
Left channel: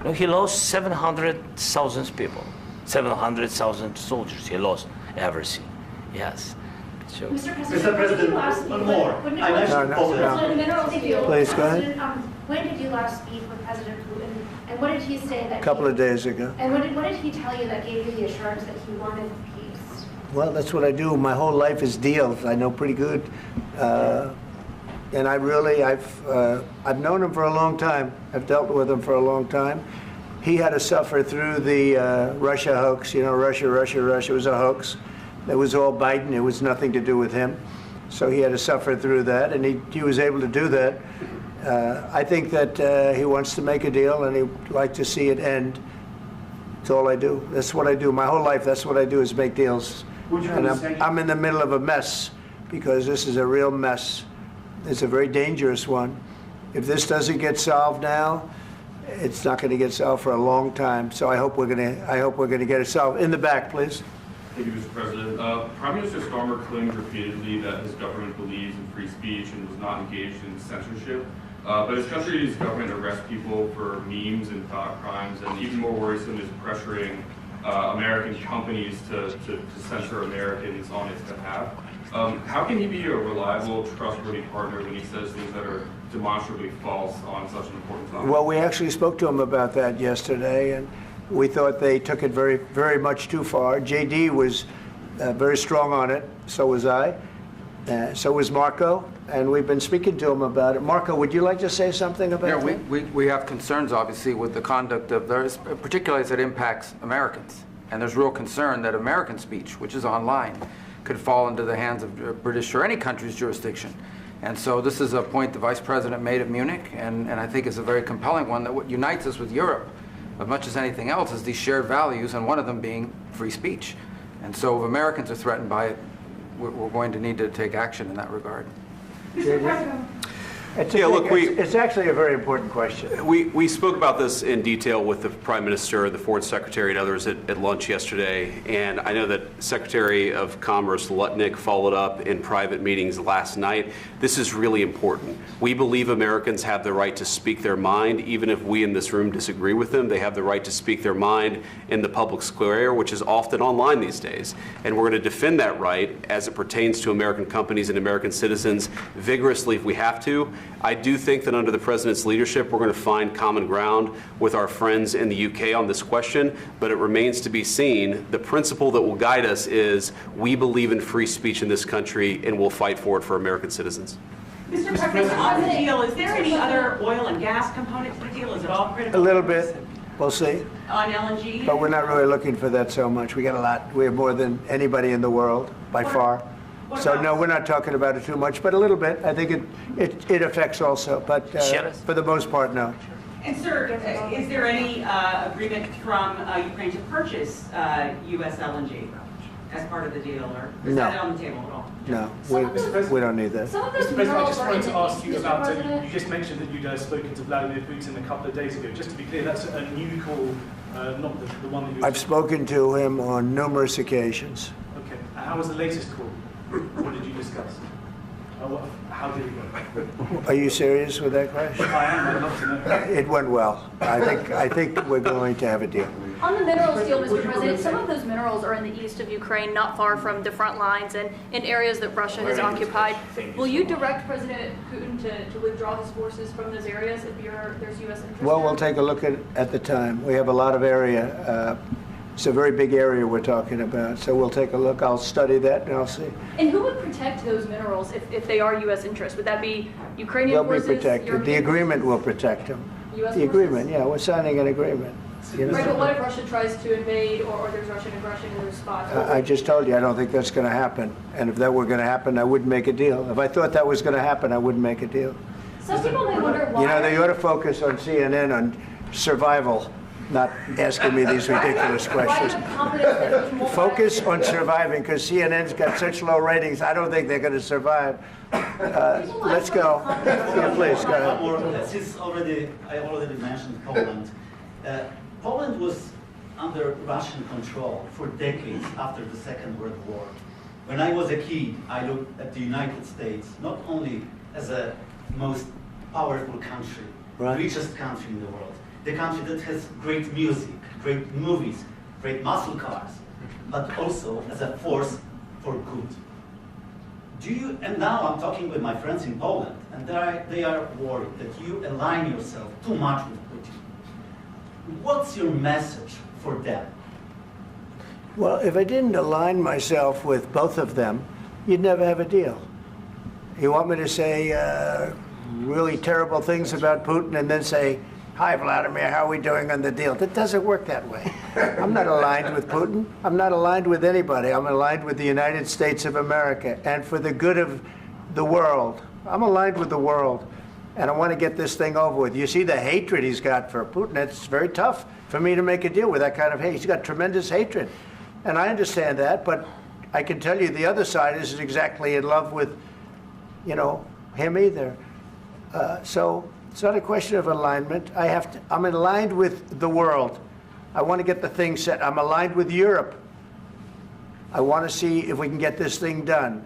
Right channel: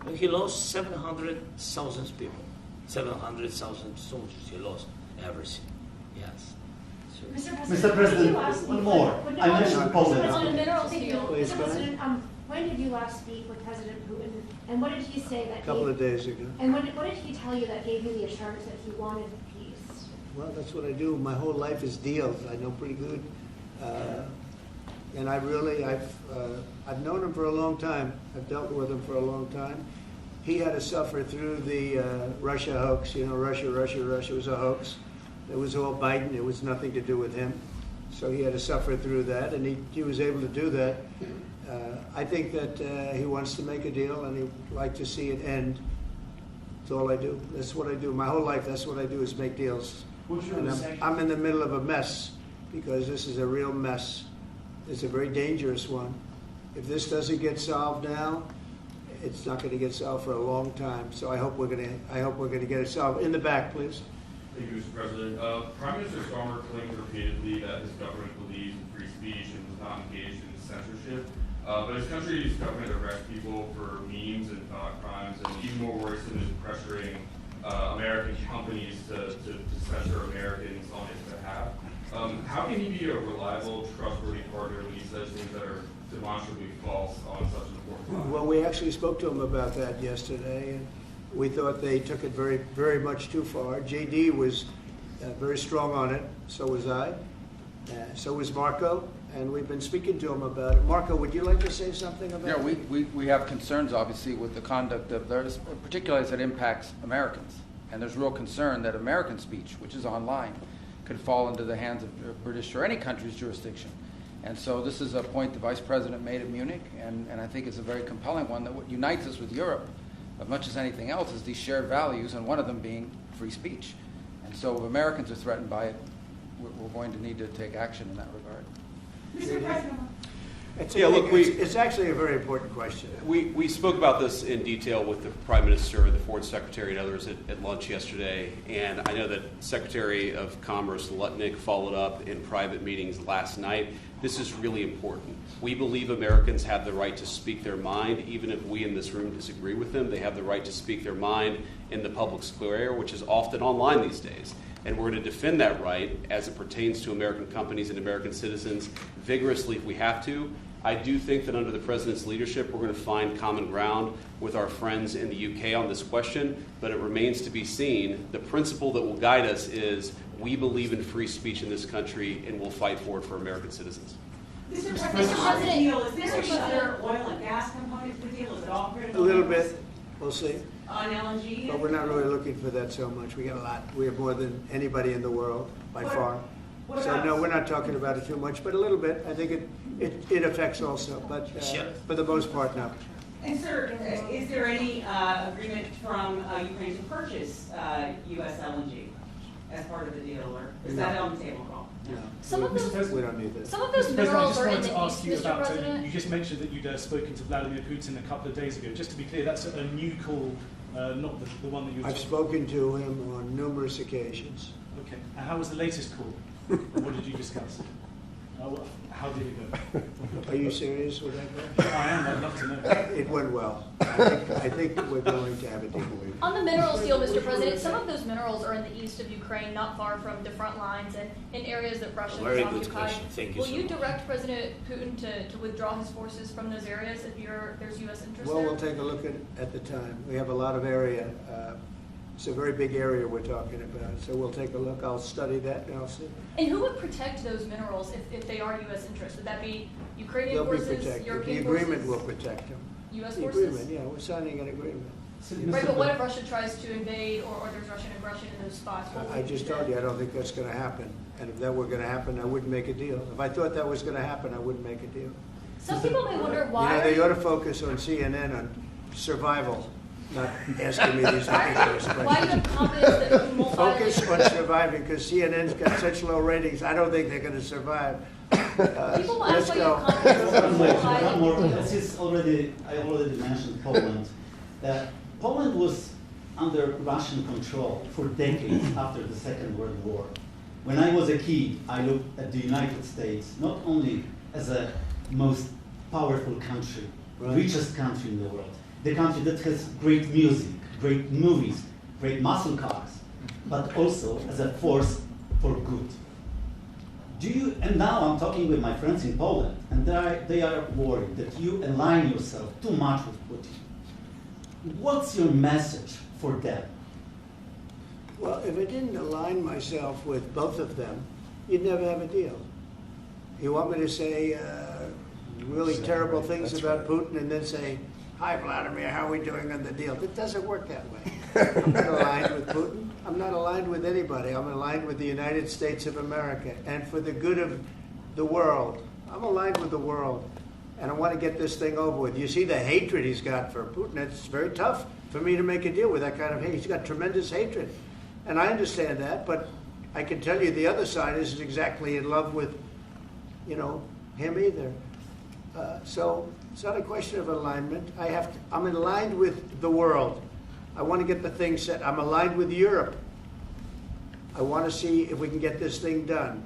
No, he lost 700,000 people, 700,000 soldiers. He lost everything. Yes. So. Mr. President, one more. I mentioned Poland. Please, go ahead. When did you last speak with President Putin, and what did he say that? A couple of days ago. And what did he tell you that gave you the assurance that he wanted peace? Well, that's what I do. My whole life is deals. I know pretty good. And I've known him for a long time. I've dealt with him for a long time. He had to suffer through the Russia hoax. You know, Russia was a hoax. It was all Biden. It was nothing to do with him. So he had to suffer through that, and he was able to do that. I think that he wants to make a deal, and he'd like to see it end. That's all I do. That's what I do. My whole life, that's what I do, is make deals. And I'm in the middle of a mess, because this is a real mess. It's a very dangerous one. If this doesn't get solved now, it's not going to get solved for a long time. So I hope we're going to get it solved. In the back, please. Thank you, Mr. President. Prime Minister Starmer claimed repeatedly that his government believes in free speech and was not engaged in censorship. But his country's government arrests people for memes and thought crimes, and even more worrisome is pressuring American companies to censor Americans on its behalf. How can he be a reliable, trustworthy partner when he says things that are demonstrably false on such an important topic? Well, we actually spoke to him about that yesterday, and we thought they took it very, very much too far. JD was very strong on it. So was I. So was Marco. And we've been speaking to him about it. Marco, would you like to say something about that? Yeah, we have concerns, obviously, with the conduct of theirs, particularly as it impacts Americans. And there's real concern that American speech, which is online, could fall into the hands of British or any country's jurisdiction. And so this is a point the Vice President made at Munich, and I think it's a very compelling one, that what unites us with Europe, as much as anything else, is these shared values, and one of them being free speech. And so if Americans are threatened by it, we're going to need to take action in that regard. Mr. President. It's actually a very important question. We spoke about this in detail with the Prime Minister, the Foreign Secretary, and others at lunch yesterday. And I know that Secretary of Commerce Lutnick followed up in private meetings last night. This is really important. We believe Americans have the right to speak their mind, even if we in this room disagree with them. They have the right to speak their mind in the public square, which is often online these days. And we're going to defend that right as it pertains to American companies and American citizens vigorously if we have to. I do think that under the President's leadership, we're going to find common ground with our friends in the UK on this question, but it remains to be seen. The principle that will guide us is we believe in free speech in this country, and we'll fight for it for American citizens. Mr. President, on the deal, is there any other oil and gas component to the deal? Is it all critical? A little bit. We'll see. On LNG? But we're not really looking for that so much. We got a lot. We have more than anybody in the world, by far. So no, we're not talking about it too much, but a little bit. I think it affects also, but for the most part, no. And sir, is there any agreement from Ukraine to purchase U.S. LNG as part of the deal, or is that on the table at all? No, we don't need that. Mr. President, I just wanted to ask you about, you just mentioned that you'd spoken to Vladimir Putin a couple of days ago. Just to be clear, that's a new call, not the one that you... I've spoken to him on numerous occasions. Okay. And how was the latest call? What did you discuss? How did it go? Are you serious with that question? I am. I'd love to know. It went well. I think we're going to have a deal. On the minerals deal, Mr. President, some of those minerals are in the east of Ukraine, not far from the front lines and in areas that Russia has occupied. Will you direct President Putin to withdraw his forces from those areas if there's U.S. interest? Well, we'll take a look at the time. We have a lot of area. It's a very big area we're talking about, so we'll take a look. I'll study that and I'll see. And who would protect those minerals if they are U.S. interests? Would that be Ukrainian forces? They'll be protected. The agreement will protect them. U.S. The agreement, yeah, we're signing an agreement. Right, but what if Russia tries to invade or there's Russian aggression in those spots? I just told you, I don't think that's going to happen. And if that were going to happen, I wouldn't make a deal. If I thought that was going to happen, I wouldn't make a deal. Some people may wonder why... You know, they ought to focus on CNN on survival, not asking me these ridiculous questions. Focus on surviving, because CNN's got such low ratings, I don't think they're going to survive. Let's go. Please, go ahead. Since I already mentioned Poland. Poland was under Russian control for decades after the Second World War. When I was a kid, I looked at the United States not only as a most powerful country, richest country in the world, the country that has great music, great movies, great muscle cars, but also as a force for good. And now I'm talking with my friends in Poland, and they are worried that you align yourself too much with Putin. What's your message for them? Well, if I didn't align myself with both of them, you'd never have a deal. You want me to say really terrible things about Putin and then say, "Hi, Vladimir, how are we doing on the deal?" That doesn't work that way. I'm not aligned with Putin. I'm not aligned with anybody. I'm aligned with the United States of America and for the good of the world. I'm aligned with the world. And I want to get this thing over with. You see the hatred he's got for Putin. It's very tough for me to make a deal with that kind of hate. He's got tremendous hatred. And I understand that, but I can tell you the other side isn't exactly in love with, him either. So it's not a question of alignment. I'm aligned with the world. I want to get the thing set. I'm aligned with Europe. I want to see if we can get this thing done.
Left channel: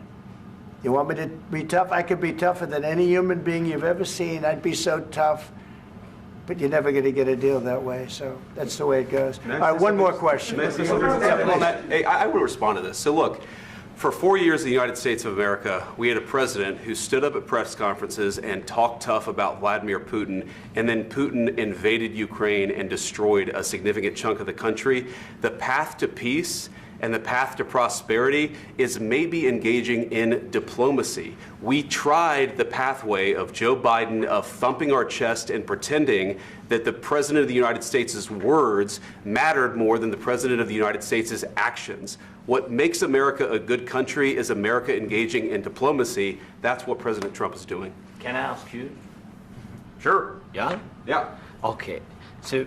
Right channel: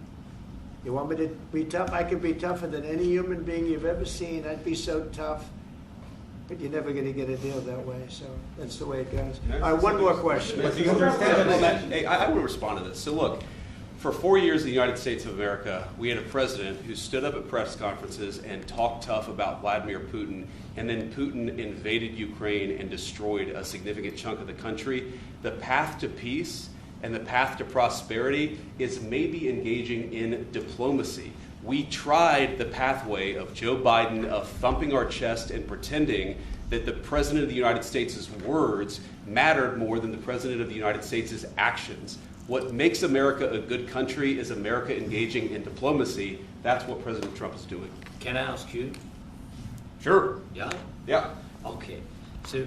You want me to be tough? I could be tougher than any human being you've ever seen. I'd be so tough. But you're never going to get a deal that way, so that's the way it goes. All right, one more question. Hey, I will respond to this. So look, for 4 years in the United States of America, we had a president who stood up at press conferences and talked tough about Vladimir Putin, and then Putin invaded Ukraine and destroyed a significant chunk of the country. The path to peace and the path to prosperity is maybe engaging in diplomacy. We tried the pathway of Joe Biden of thumping our chest and pretending that the President of the United States' words mattered more than the President of the United States' actions. What makes America a good country is America engaging in diplomacy. That's what President Trump is doing. Can I ask you? Sure. Yeah? Yeah. Okay. So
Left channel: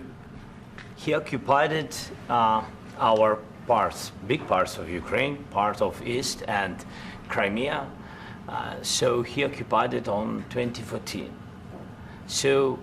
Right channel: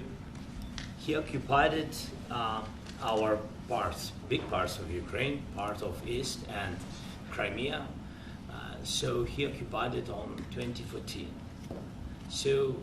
he occupied it, our parts, big parts of Ukraine, part of East and Crimea. So he occupied it on 2014. So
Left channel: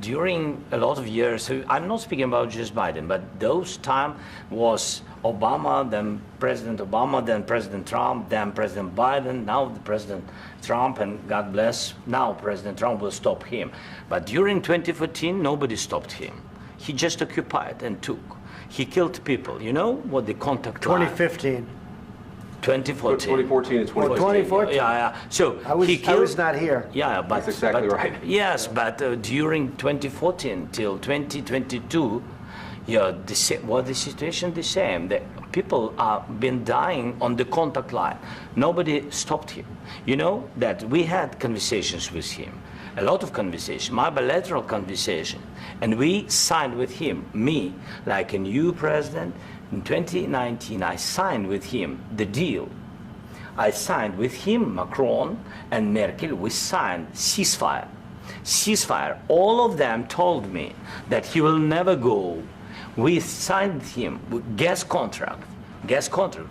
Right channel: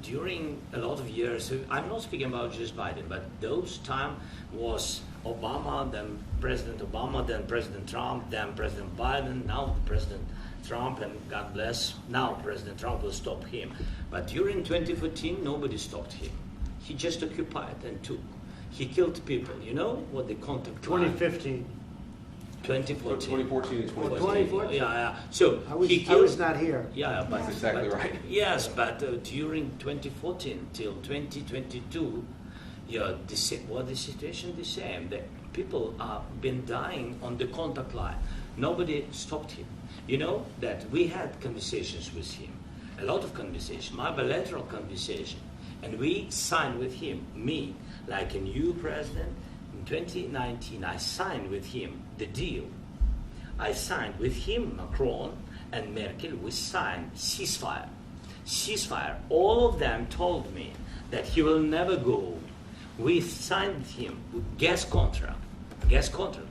during a lot of years, so I'm not speaking about just Biden, but those time was Obama, then President Obama, then President Trump, then President Biden, now President Trump, and God bless, now President Trump will stop him. But during 2014, nobody stopped him. He just occupied and took. He killed people. You know what the contact line? 2015. 2014 and 2014. 2014. Yeah. So I was not here. Yeah, but that's exactly right. Yes, but during 2014 till 2022, yeah, the situation the same. The people are been dying on the contact line. Nobody stopped him. You know that we had conversations with him, a lot of conversation, my bilateral conversation, and we signed with him, me, like a new president. In 2019, I signed with him the deal. I signed with him, Macron and Merkel, we signed ceasefire. Ceasefire. All of them told me that he will never go. We signed with him with gas contract. Gas contract.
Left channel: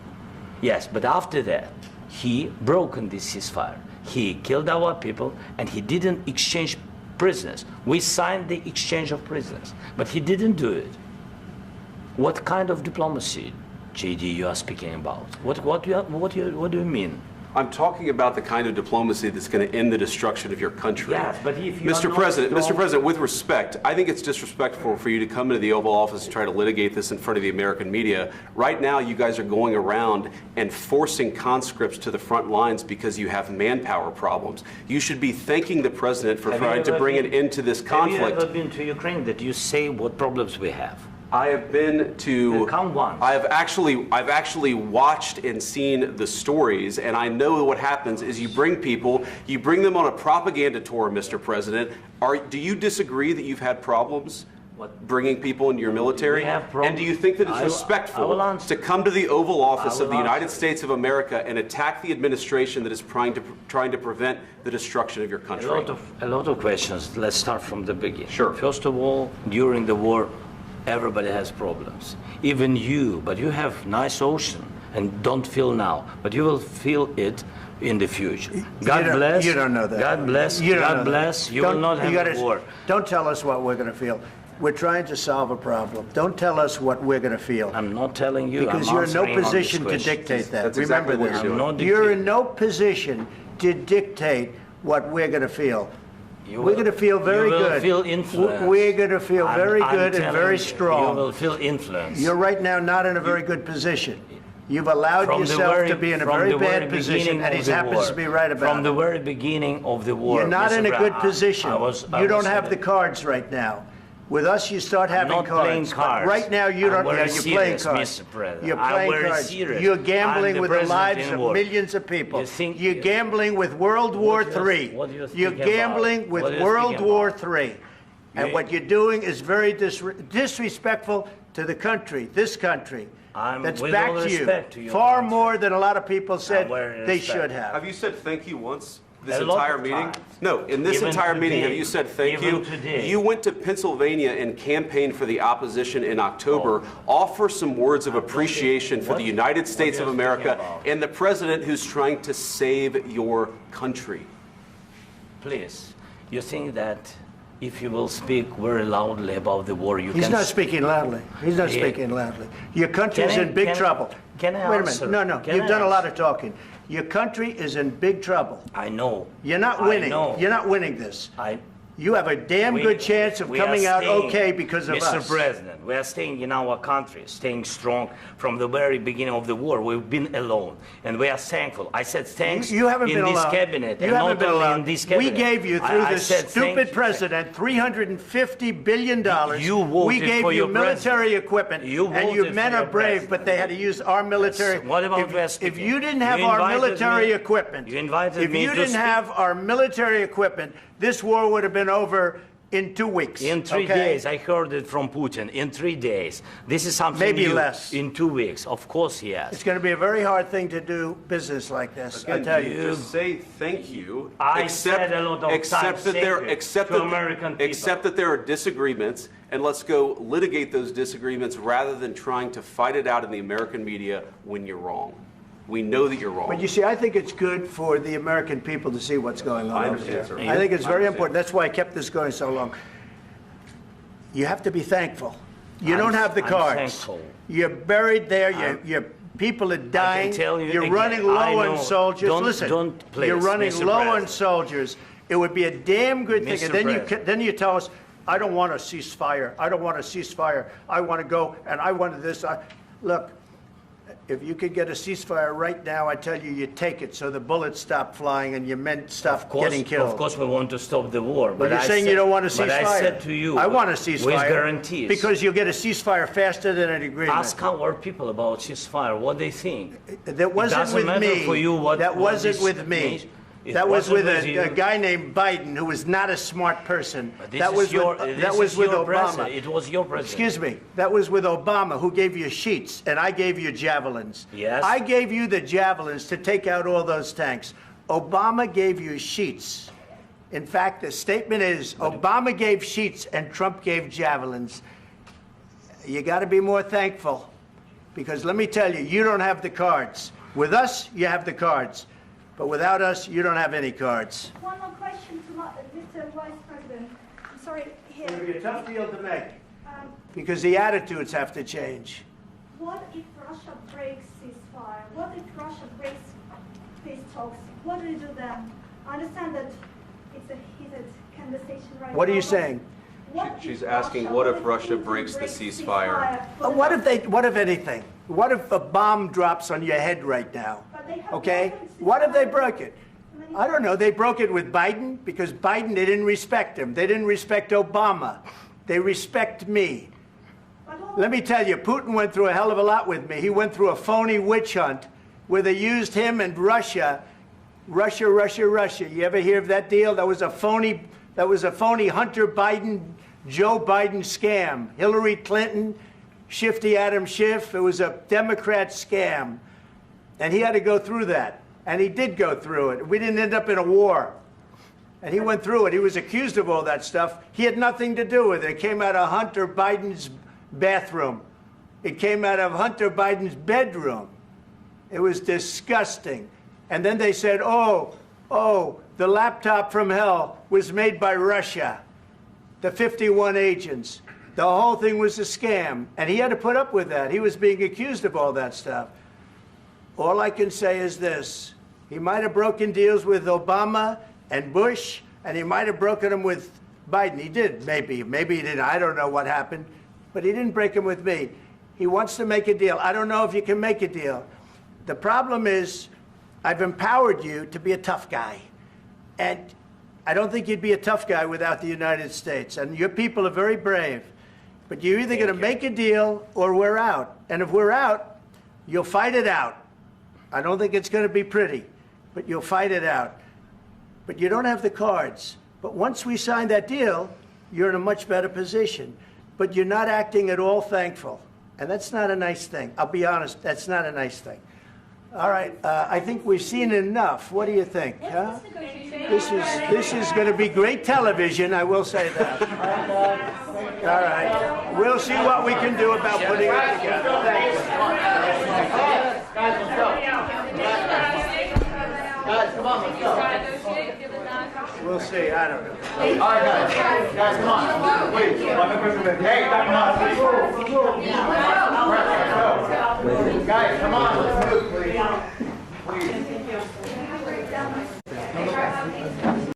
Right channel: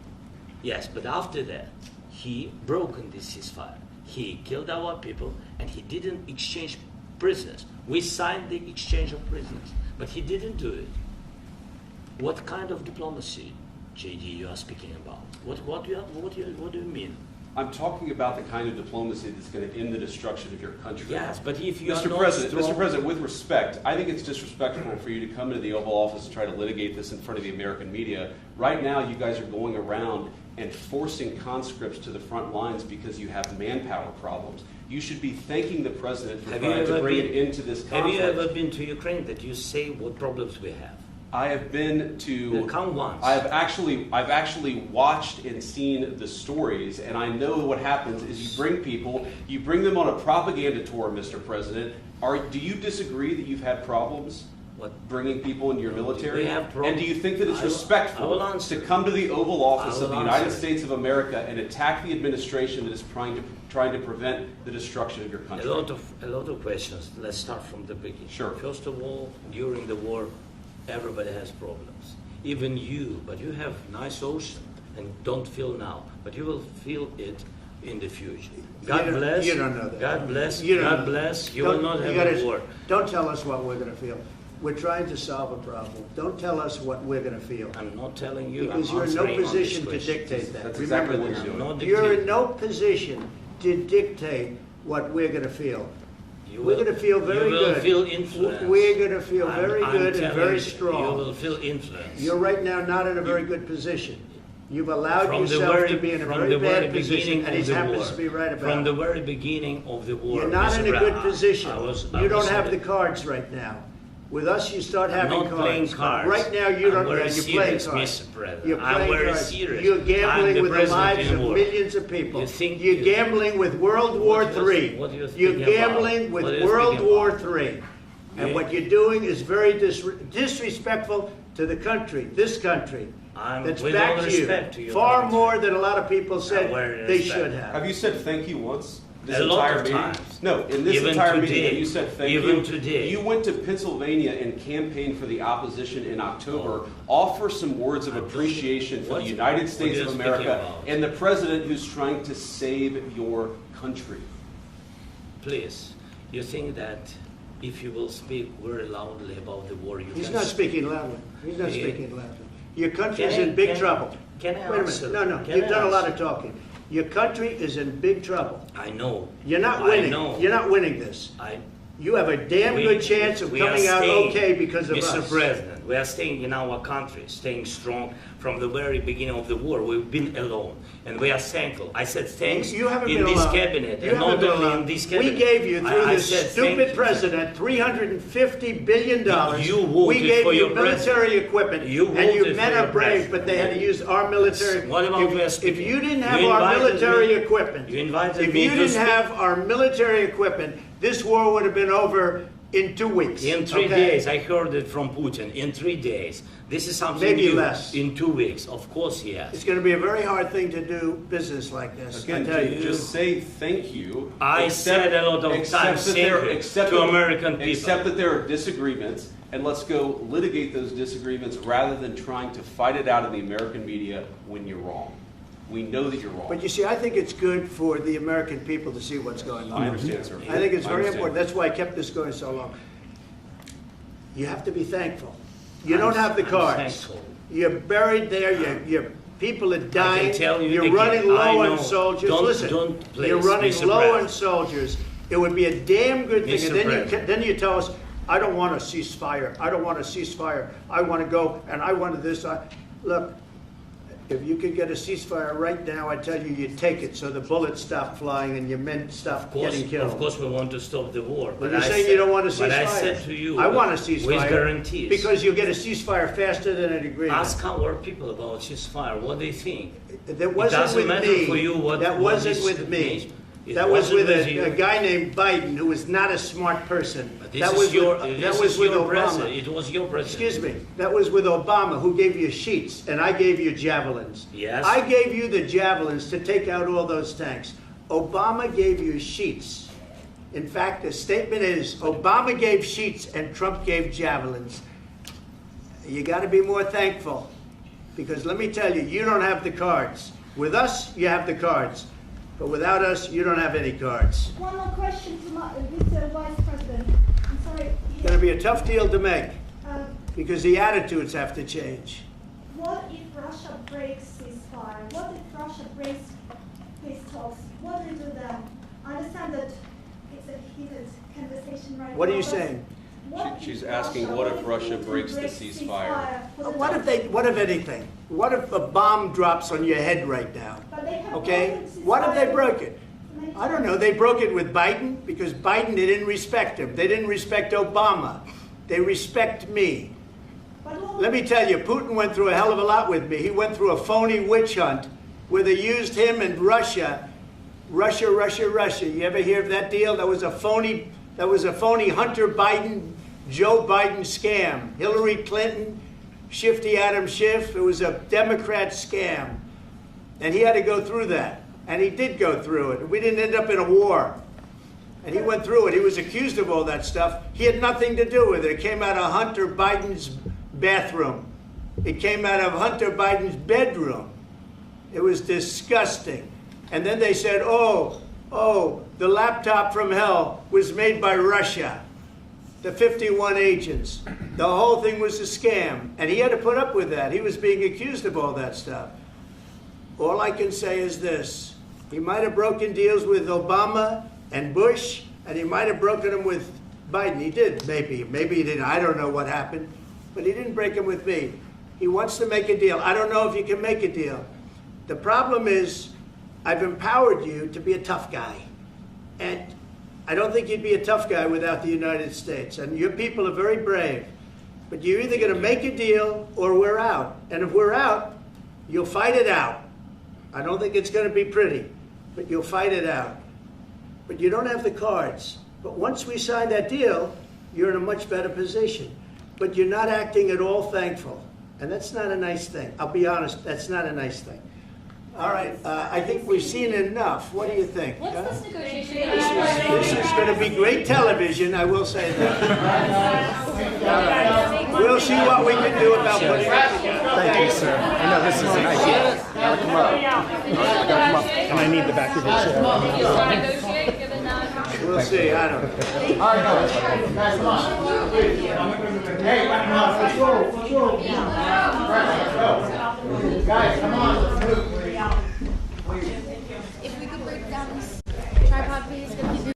Yes, but after that, he broken this ceasefire. He killed our people and he didn't exchange prisoners. We signed the exchange of prisoners, but he didn't do it. What kind of diplomacy, JD, you are speaking about? What do you mean? I'm talking about the kind of diplomacy that's going to end the destruction of your country. Yes, but if you Mr. President, with respect, I think it's disrespectful for you to come into the Oval Office and try to litigate this in front of the American media. Right now, you guys are going around and forcing conscripts to the front lines because you have manpower problems. You should be thanking the President for trying to bring an end to this conflict. Have you ever been to Ukraine that you say what problems we have? I have been to. Count once. I've actually watched and seen the stories, and I know what happens is you bring them on a propaganda tour, Mr. President. Do you disagree that you've had problems bringing people into your military? And do you think that it's respectful to come to the Oval Office of the United States of America and attack the administration that is trying to prevent the destruction of your country? A lot of questions. Let's start from the beginning. Sure. First of all, during the war, everybody has problems. Even you, but you have nice ocean and don't feel now, but you will feel it in the future. God bless. You don't know that. God bless. You don't God know bless. that. You will not have a war. Don't tell us what we're going to feel. We're trying to solve a problem. Don't tell us what we're going to feel. I'm not telling you. Because you're in no position to dictate that. That's exactly what you're doing. You're in no position to dictate what we're going to feel. We're going to feel very good. You will feel influence. We're going to feel very good and very strong. You will feel influence. You're right now not in a very good position. You've allowed yourself to be in a very bad position, and he happens to be right about it. From the very beginning of the war. You're not in a good position. You don't have the cards right now. With us, you start having I'm not playing cards. Right now, you don't. You're playing cards. Mr. President. You're playing cards. Serious. You're gambling with the president lives of millions of people. You're gambling with World War III. You're gambling with World War III. And what you're doing is very disrespectful to the country, this country. That's back to you. Far more than a lot of people said they should have. Have you said thank you once? This A lot entire of meeting? times. No, in this Even entire meeting, today. have you said thank Even you? today. You went to Pennsylvania and campaigned for the opposition in October. Offer some words of appreciation for the United States of America and the president who's trying to save your country. Please, you think that if you will speak very loudly about the war, you can... He's not speaking loudly. He's not speaking loudly. Your country's in big trouble. Can I Wait a answer? minute. No, Can you've I done a lot answer? of talking. Your country is in big trouble. I know. You're not I winning. know. You're not winning this. You have a damn good chance of we are coming out staying, okay because of Mr. us. President, we are staying in our country, staying strong from the very beginning of the war. We've been alone, and we are thankful. I said thanks You haven't in been this alone. cabinet, You and haven't not been only alone. in this cabinet. We gave you, through I this said stupid thank you. president, $350 billion. You we voted gave for you your military president. equipment, You and you voted men for are your brave, president. but they had to use our military. What about West If people? you didn't have You our invited military me- equipment, You invited if me you to didn't speak. have our military equipment, this war would have been over in 2 weeks. In 3 okay? days, I heard it from Putin. In 3 days, this is something Maybe new. less. In 2 weeks, of course, yes. It's going to be a very hard thing to do business like this. I Again, tell you. just say thank you. I said a lot of times that thank there, you accept to that- American people. Accept that there are disagreements, and let's go litigate those disagreements rather than trying to fight it out in the American media when you're wrong. We know that you're wrong. But you see, I think it's good for the American people to see what's going on. I understand, sir. I think it's I very understand. important. That's why I kept this going so long. You have to be thankful. You don't have the I'm cards. thankful. You're buried there. Your people are dying. tell you You're again, running I low know. on soldiers. Don't- Listen, don't, please, you're running Mr. low on President. soldiers. It would be a damn good thing. Mr. And then President. then you tell us, I don't want a ceasefire. I don't want a ceasefire. I want to go and I want this. Look, if you could get a ceasefire right now, I tell you, you take it so the bullets stop flying and your men stop getting killed. Of course, we want to stop the war. But you're I saying said- you don't want a ceasefire. But I said to you, I want a ceasefire. with guarantees. Because you'll get a ceasefire faster than an agreement. Ask our people about ceasefire, what they think. That wasn't it doesn't with matter me. for you what That what wasn't is- with me. It That was wasn't with you. a guy named Biden, who was not a smart person. This That is was your, with, this that was is with your Obama. president. It was your president. Excuse me. That was with Obama, who gave you sheets, and I gave you javelins. Yes. I gave you the javelins to take out all those tanks. Obama gave you sheets. In fact, the statement is, Obama gave sheets and Trump gave javelins. You got to be more thankful, because let me tell you, you don't have the cards. With us, you have the cards. But without us, you don't have any cards. One more question to Mr. Vice President. I'm sorry. It's going to be a tough deal to make, Um, because the attitudes have to change. What if Russia breaks ceasefire? What if Russia breaks peace talks? What do you do then? I understand that it's a heated conversation right now. What are you but saying? what She's if asking, what if Putin Russia breaks the breaks ceasefire? What if anything? What if a bomb drops on your head right now? But they have Okay? broken ceasefire. What if they broke it? I don't know. They broke it with Biden because Biden, they didn't respect him. They didn't respect Obama. They respect me. Let me tell you, Putin went through a hell of a lot with me. He went through a phony witch hunt where they used him and Russia. Russia. You ever hear of that deal? That was a phony Hunter Biden, Joe Biden scam. Hillary Clinton, Shifty Adam Schiff. It was a Democrat scam. And he had to go through that. And he did go through it. We didn't end up in a war. And he went through it. He was accused of all that stuff. He had nothing to do with it. It came out of Hunter Biden's bathroom. It came out of Hunter Biden's bedroom. It was disgusting. And then they said, oh, the laptop from hell was made by Russia. The 51 agents. The whole thing was a scam. And he had to put up with that. He was being accused of all that stuff. All I can say is this. He might have broken deals with Obama and Bush, and he might have broken them with Biden. He did, maybe. Maybe he didn't. I don't know what happened. But he didn't break them with me. He wants to make a deal. I don't know if you can make a deal. The problem is, I've empowered you to be a tough guy. And I don't think you'd be a tough guy without the United States. And your people are very brave. But you're either going to make a deal or we're out. And if we're out, you'll fight it out. I don't think it's going to be pretty, but you'll fight it out. But you don't have the cards. But once we sign that deal, you're in a much better position. But you're not acting at all thankful. And that's not a nice thing. I'll be honest, that's not a nice thing. All right, I think we've seen enough. What do you think? Huh? This is going to be great television, I will say that. All right. We'll see what we can do about putting it together. Thank you, sir. I need the back of this. We'll see. I don't know. All right, guys, come on. Wait. Hey, let's go. Guys, come on.